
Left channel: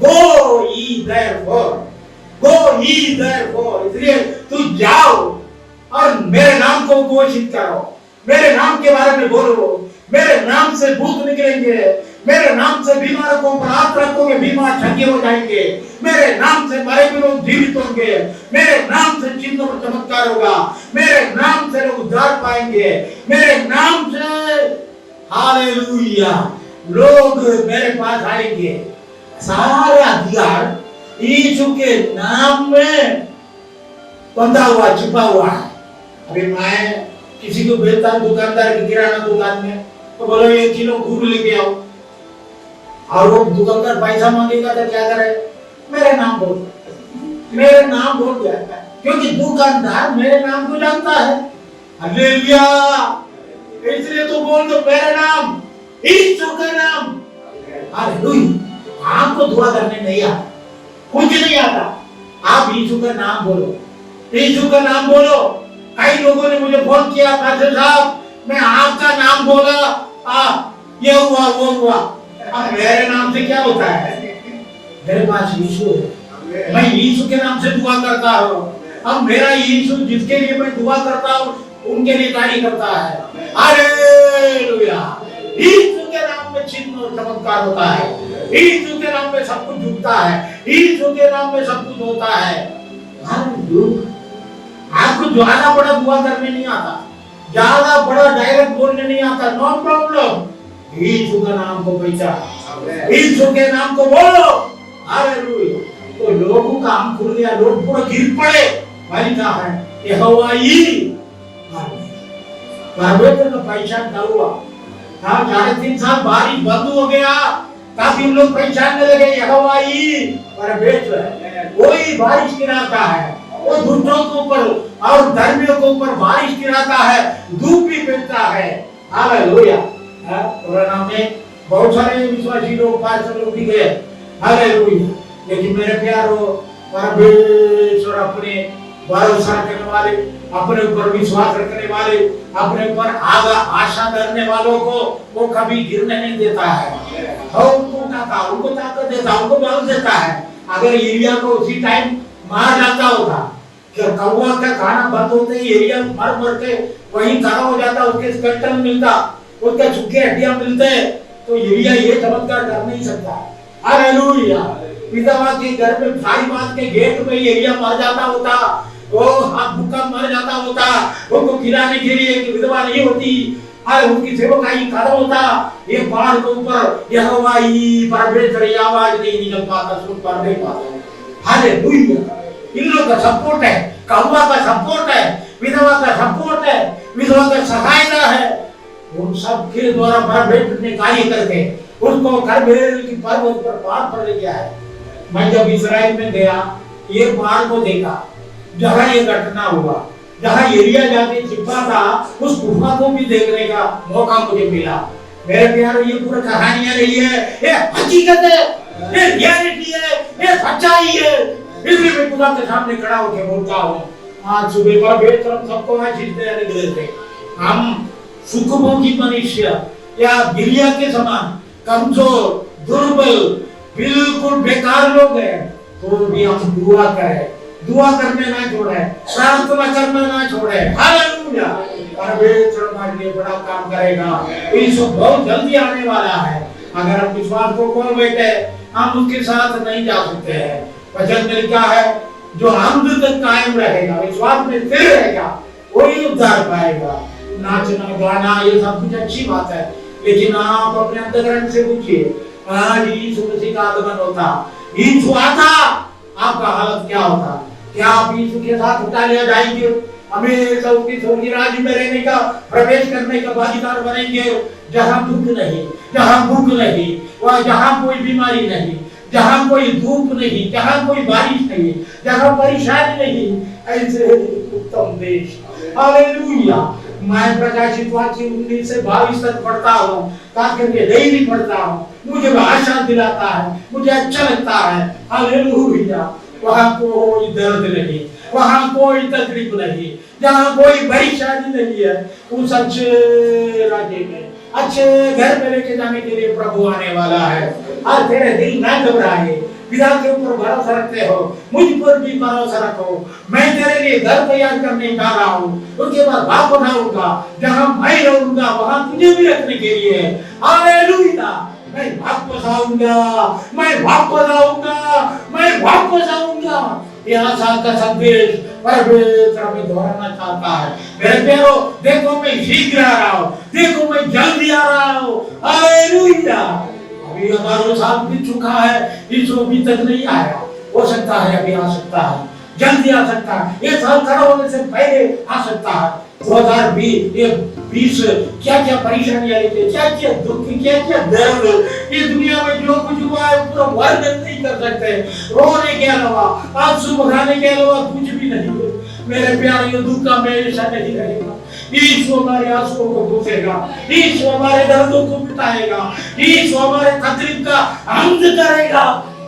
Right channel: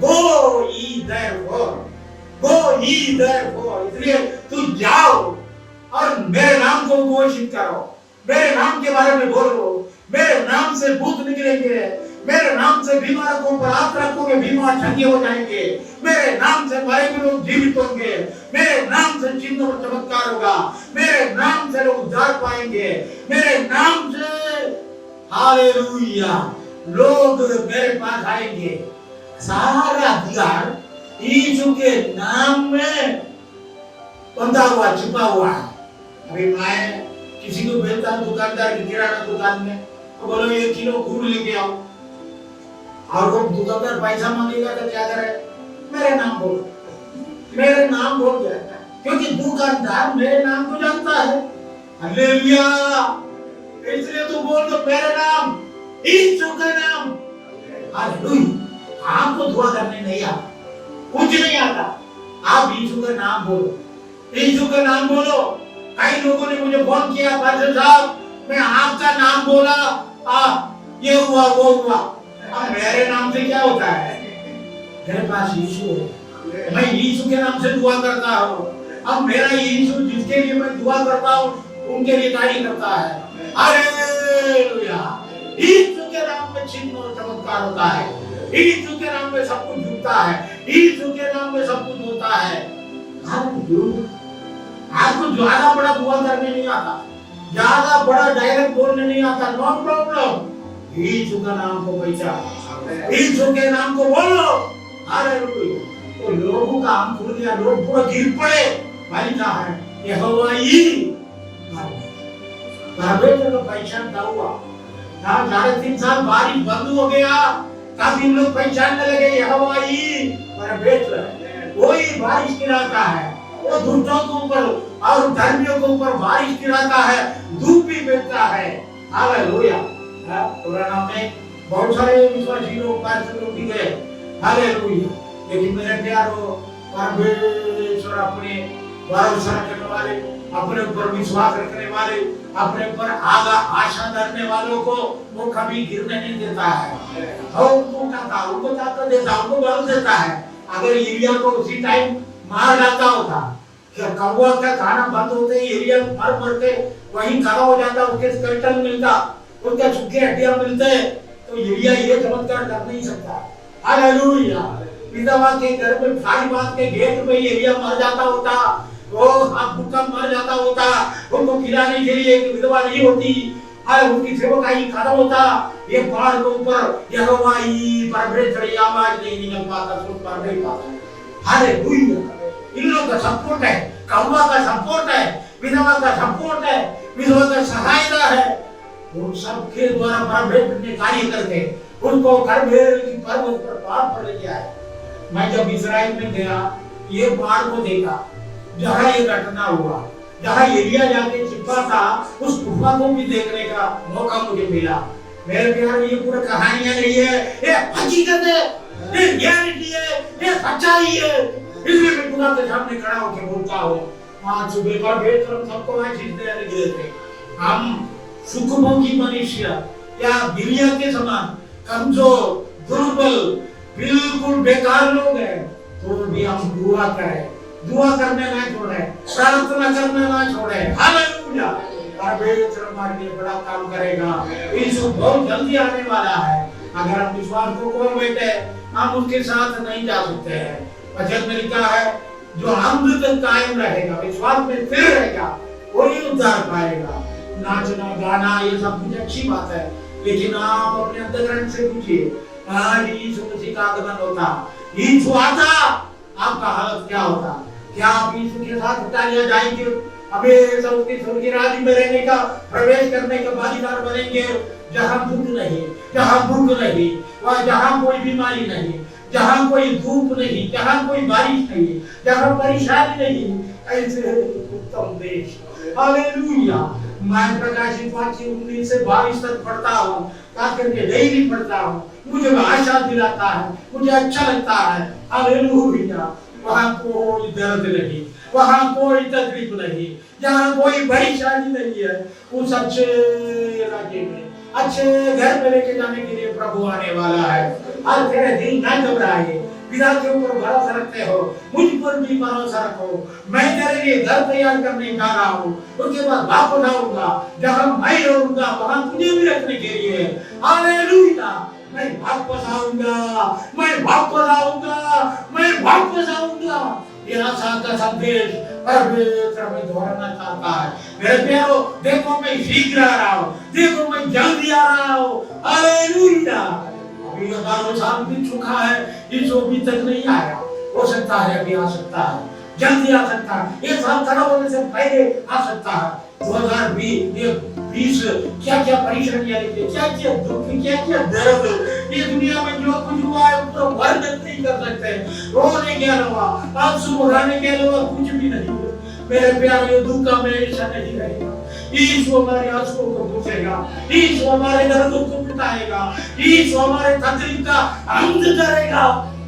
Go ye therefore, go ye therefore। इसलिए तू जाओ और मेरे नाम को घोषित करो, मेरे नाम के बारे में बोलो। मेरे नाम से भूत निकलेंगे, मेरे नाम से बीमारों पर हाथ रखोगे, बीमार चंगे हो जाएंगे। मेरे नाम से मरे हुए लोग जीवित होंगे, मेरे नाम से चिन्ह और चमत्कार होगा, मेरे नाम से लोग उद्धार पाएंगे, मेरे नाम से हालेलुया लोग मेरे पास आएंगे। सारा अधिकार यीशु के नाम में बंधा हुआ, छिपा हुआ है। अभी मैं किसी को भेजता हूं दुकानदार की किराना दुकान में, तो बोलो 1 किलो गुड़ लेके आओ, और वो दुकानदार पैसा मांगेगा तो क्या करे? मेरे नाम बोल, मेरे नाम बोल जाता है, क्योंकि दुकानदार मेरे नाम को जानता है। हालेलुया। इसलिए तू बोल दो मेरा नाम, यीशु का नाम। हालेलुया। आपको दुआ करने नहीं आता, कुछ नहीं आता, आप यीशु का नाम बोलो, यीशु का नाम बोलो। कई लोगों ने मुझे फोन किया, पास्टर साहब मैं आपका नाम बोला, ये हुआ वो हुआ। अब मेरे नाम से क्या होता है? मेरे पास यीशु है, मैं यीशु के नाम से दुआ करता हूँ। अब मेरा यीशु जिसके लिए मैं दुआ करता हूँ उनके लिए तारीफ करता है। हालेलुया। यीशु के नाम में चिन्ह और चमत्कार होता है, यीशु के नाम में सब कुछ झुकता है, यीशु के नाम में सब कुछ होता है। आपको ज्यादा बड़ा दुआ करने नहीं आता, ज्यादा बड़ा डायरेक्ट बोलने नहीं आता, नो प्रॉब्लम। यीशु का नाम को पहचानो, यीशु के नाम को बोलो। हालेलुया। तो लोगों का आंख खुल गया, लोग पूरा गिर पड़े। भाई क्या है? यहोवा ही परमेश्वर का पहचान क्या हुआ? 3.5 साल बारिश बंद हो गया, तब इन लोग पहचानने लगे यहोवा ही परमेश्वर है। वही बारिश गिराता है, वो दुष्टों के ऊपर और धर्मियों के ऊपर बारिश गिराता है, धूप भी भेजता है। हालेलुया। कोरोना में बहुत सारे विश्वासी लोग, पास्टर लोग भी गए। हालेलुया। लेकिन मेरे प्यारों, परमेश्वर अपने भरोसा रखने वाले, अपने ऊपर विश्वास रखने वाले, अपने ऊपर आशा धरने वालों को वो कभी गिरने नहीं देता है। उनको ताकत देता है, उनको बल देता है। अगर एलिया को उसी टाइम मार डालता होता, कौवा का खाना बंद होते ही एलिया मर के वहीं खड़ा हो जाता, उसके स्केलेटन मिलता, उसके सूखे हड्डियां मिलते, तो एलिया ये चमत्कार कर नहीं सकता। हालेलुया। विधवा के घर में भाई बांध के गेट पे एलिया मर जाता होता, वो हाथ भूखा मर जाता होता, उनको खिलाने के लिए एक विधवा नहीं होती, अरे उनकी सेवकाई खत्म होता, ये पहाड़ के ऊपर यहोवा ही परमेश्वर की आवाज नहीं निकल पाता, सुन पा नहीं पाता। हालेलुया। इन लोगों का सपोर्ट है, कौवा का सपोर्ट है, विधवा का सपोर्ट है, विधवा का सहायता है। उन सबके द्वारा परमेश्वर ने कार्य करके उसको करमेल की पर्वत पर पहाड़ पर ले गया है। मैं जब इस्राएल में गया, ये पहाड़ को देखा जहाँ ये घटना हुआ, जहाँ एलिया जाके छिपा था, उस गुफा को भी देखने का मौका मुझे मिला। मेरे प्यारे, ये पूरा कहानियां नहीं है, ये हकीकत है, ये रियलिटी है, ये सच्चाई है। इसलिए मैं खुदा के सामने खड़ा होकर बोलता हूँ, आज सुबह पर बेहतर हम सबको आशीष देने के लिए हम सुखभोगी मनुष्य या बिलिया के समान कमजोर, दुर्बल, बिल्कुल बेकार लोग हैं, तो भी हम दुआ करें, दुआ करने ना छोड़े, प्रार्थना करना ना छोड़े। हालेलुया। परमेश्वर हमारे लिए बड़ा काम करेगा। यीशु बहुत जल्दी आने वाला है। अगर हम विश्वास को खोल बैठे, हम उसके साथ नहीं जा सकते हैं। वचन में लिखा है, जो अंत तक कायम रहेगा, विश्वास में स्थिर रहेगा, वही उद्धार पाएगा। नाचना गाना ये सब कुछ अच्छी बात है, लेकिन आप अपने अंतःकरण से पूछिए, आज यीशु मसीह का आगमन होता, यीशु आता, आपका हालत क्या होता? क्या आप यीशु के साथ उठा लिया जाएंगे, हमेशा उसके स्वर्गीय राज्य में रहने का, प्रवेश करने का भागीदार बनेंगे, जहां दुख नहीं, जहां भूख नहीं, वहां जहां कोई बीमारी नहीं, जहां कोई धूप नहीं, जहां कोई बारिश नहीं, जहां परेशानी नहीं, ऐसे उत्तम देश। हालेलुया। मैं प्रकाशित वाक्य 19 से 22 तक पढ़ता हूँ, खास करके डेली पढ़ता हूँ, मुझे आशा दिलाता है, मुझे अच्छा लगता है। हालेलुया। वहाँ कोई दर्द नहीं, वहाँ कोई तकलीफ नहीं, जहाँ कोई परेशानी नहीं है, उस अच्छे राज्य में, अच्छे घर में लेके जाने के लिए प्रभु आने वाला है। और तेरे दिल ना घबराए, पिता के ऊपर भरोसा रखते हो, मुझ पर भी भरोसा रखो। मैं तेरे लिए घर तैयार करने जा रहा हूँ, उसके बाद वापस आऊंगा, जहाँ मैं रहूंगा वहाँ तुझे भी रखने के लिए। हालेलुया। मैं वापस आऊंगा, मैं वापस आऊंगा, मैं वापस आऊंगा। ये आशा का संदेश परमेश्वर हमें दोहराना चाहता है। मेरे प्यारो, देखो मैं शीघ्र आ रहा हूँ, देखो मैं जल्दी आ रहा हूँ। हालेलुया। अभी 11 साल बीत चुका है, यीशु अभी तक नहीं आया। हो सकता है अभी आ सकता है, जल्दी आ सकता है, ये साल खड़ा होने से पहले आ सकता है। 2020 क्या क्या परेशानियां लेके, क्या क्या दुख, क्या क्या दर्द, ये दुनिया में जो कुछ हुआ है पूरा वर्णन नहीं कर सकते। रोने के अलावा, आंसू बहाने के अलावा कुछ भी नहीं है। मेरे प्यारे, ये दुख हमेशा नहीं रहेगा। यीशु हमारे आंसुओं को पोंछेगा, यीशु हमारे दर्दों को मिटाएगा, यीशु हमारे तकलीफ का अंत करेगा।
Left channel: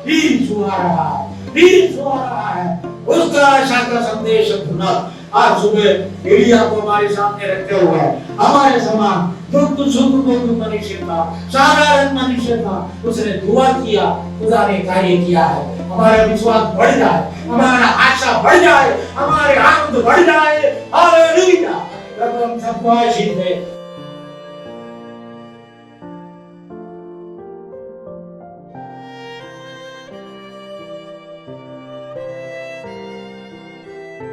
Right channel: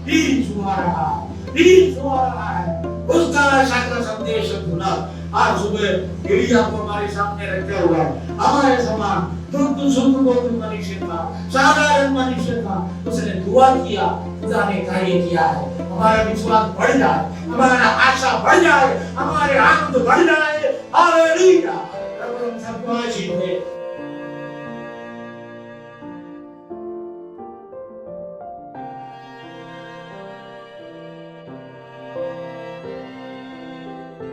यीशु आ रहा है, यीशु आ रहा है। उसका आशा का संदेश सुना। आज सुबह एलिया को हमारे सामने रखे हुए है, हमारे समान दुख सुख मनुष्य था, साधारण मनुष्य था, उसने दुआ किया, खुदा ने कार्य किया है। हमारा विश्वास बढ़ जाए, हमारा आशा बढ़ जाए, हमारे आनंद बढ़ जाए। हालेलुया। प्रभु हम सबको आशीष दे।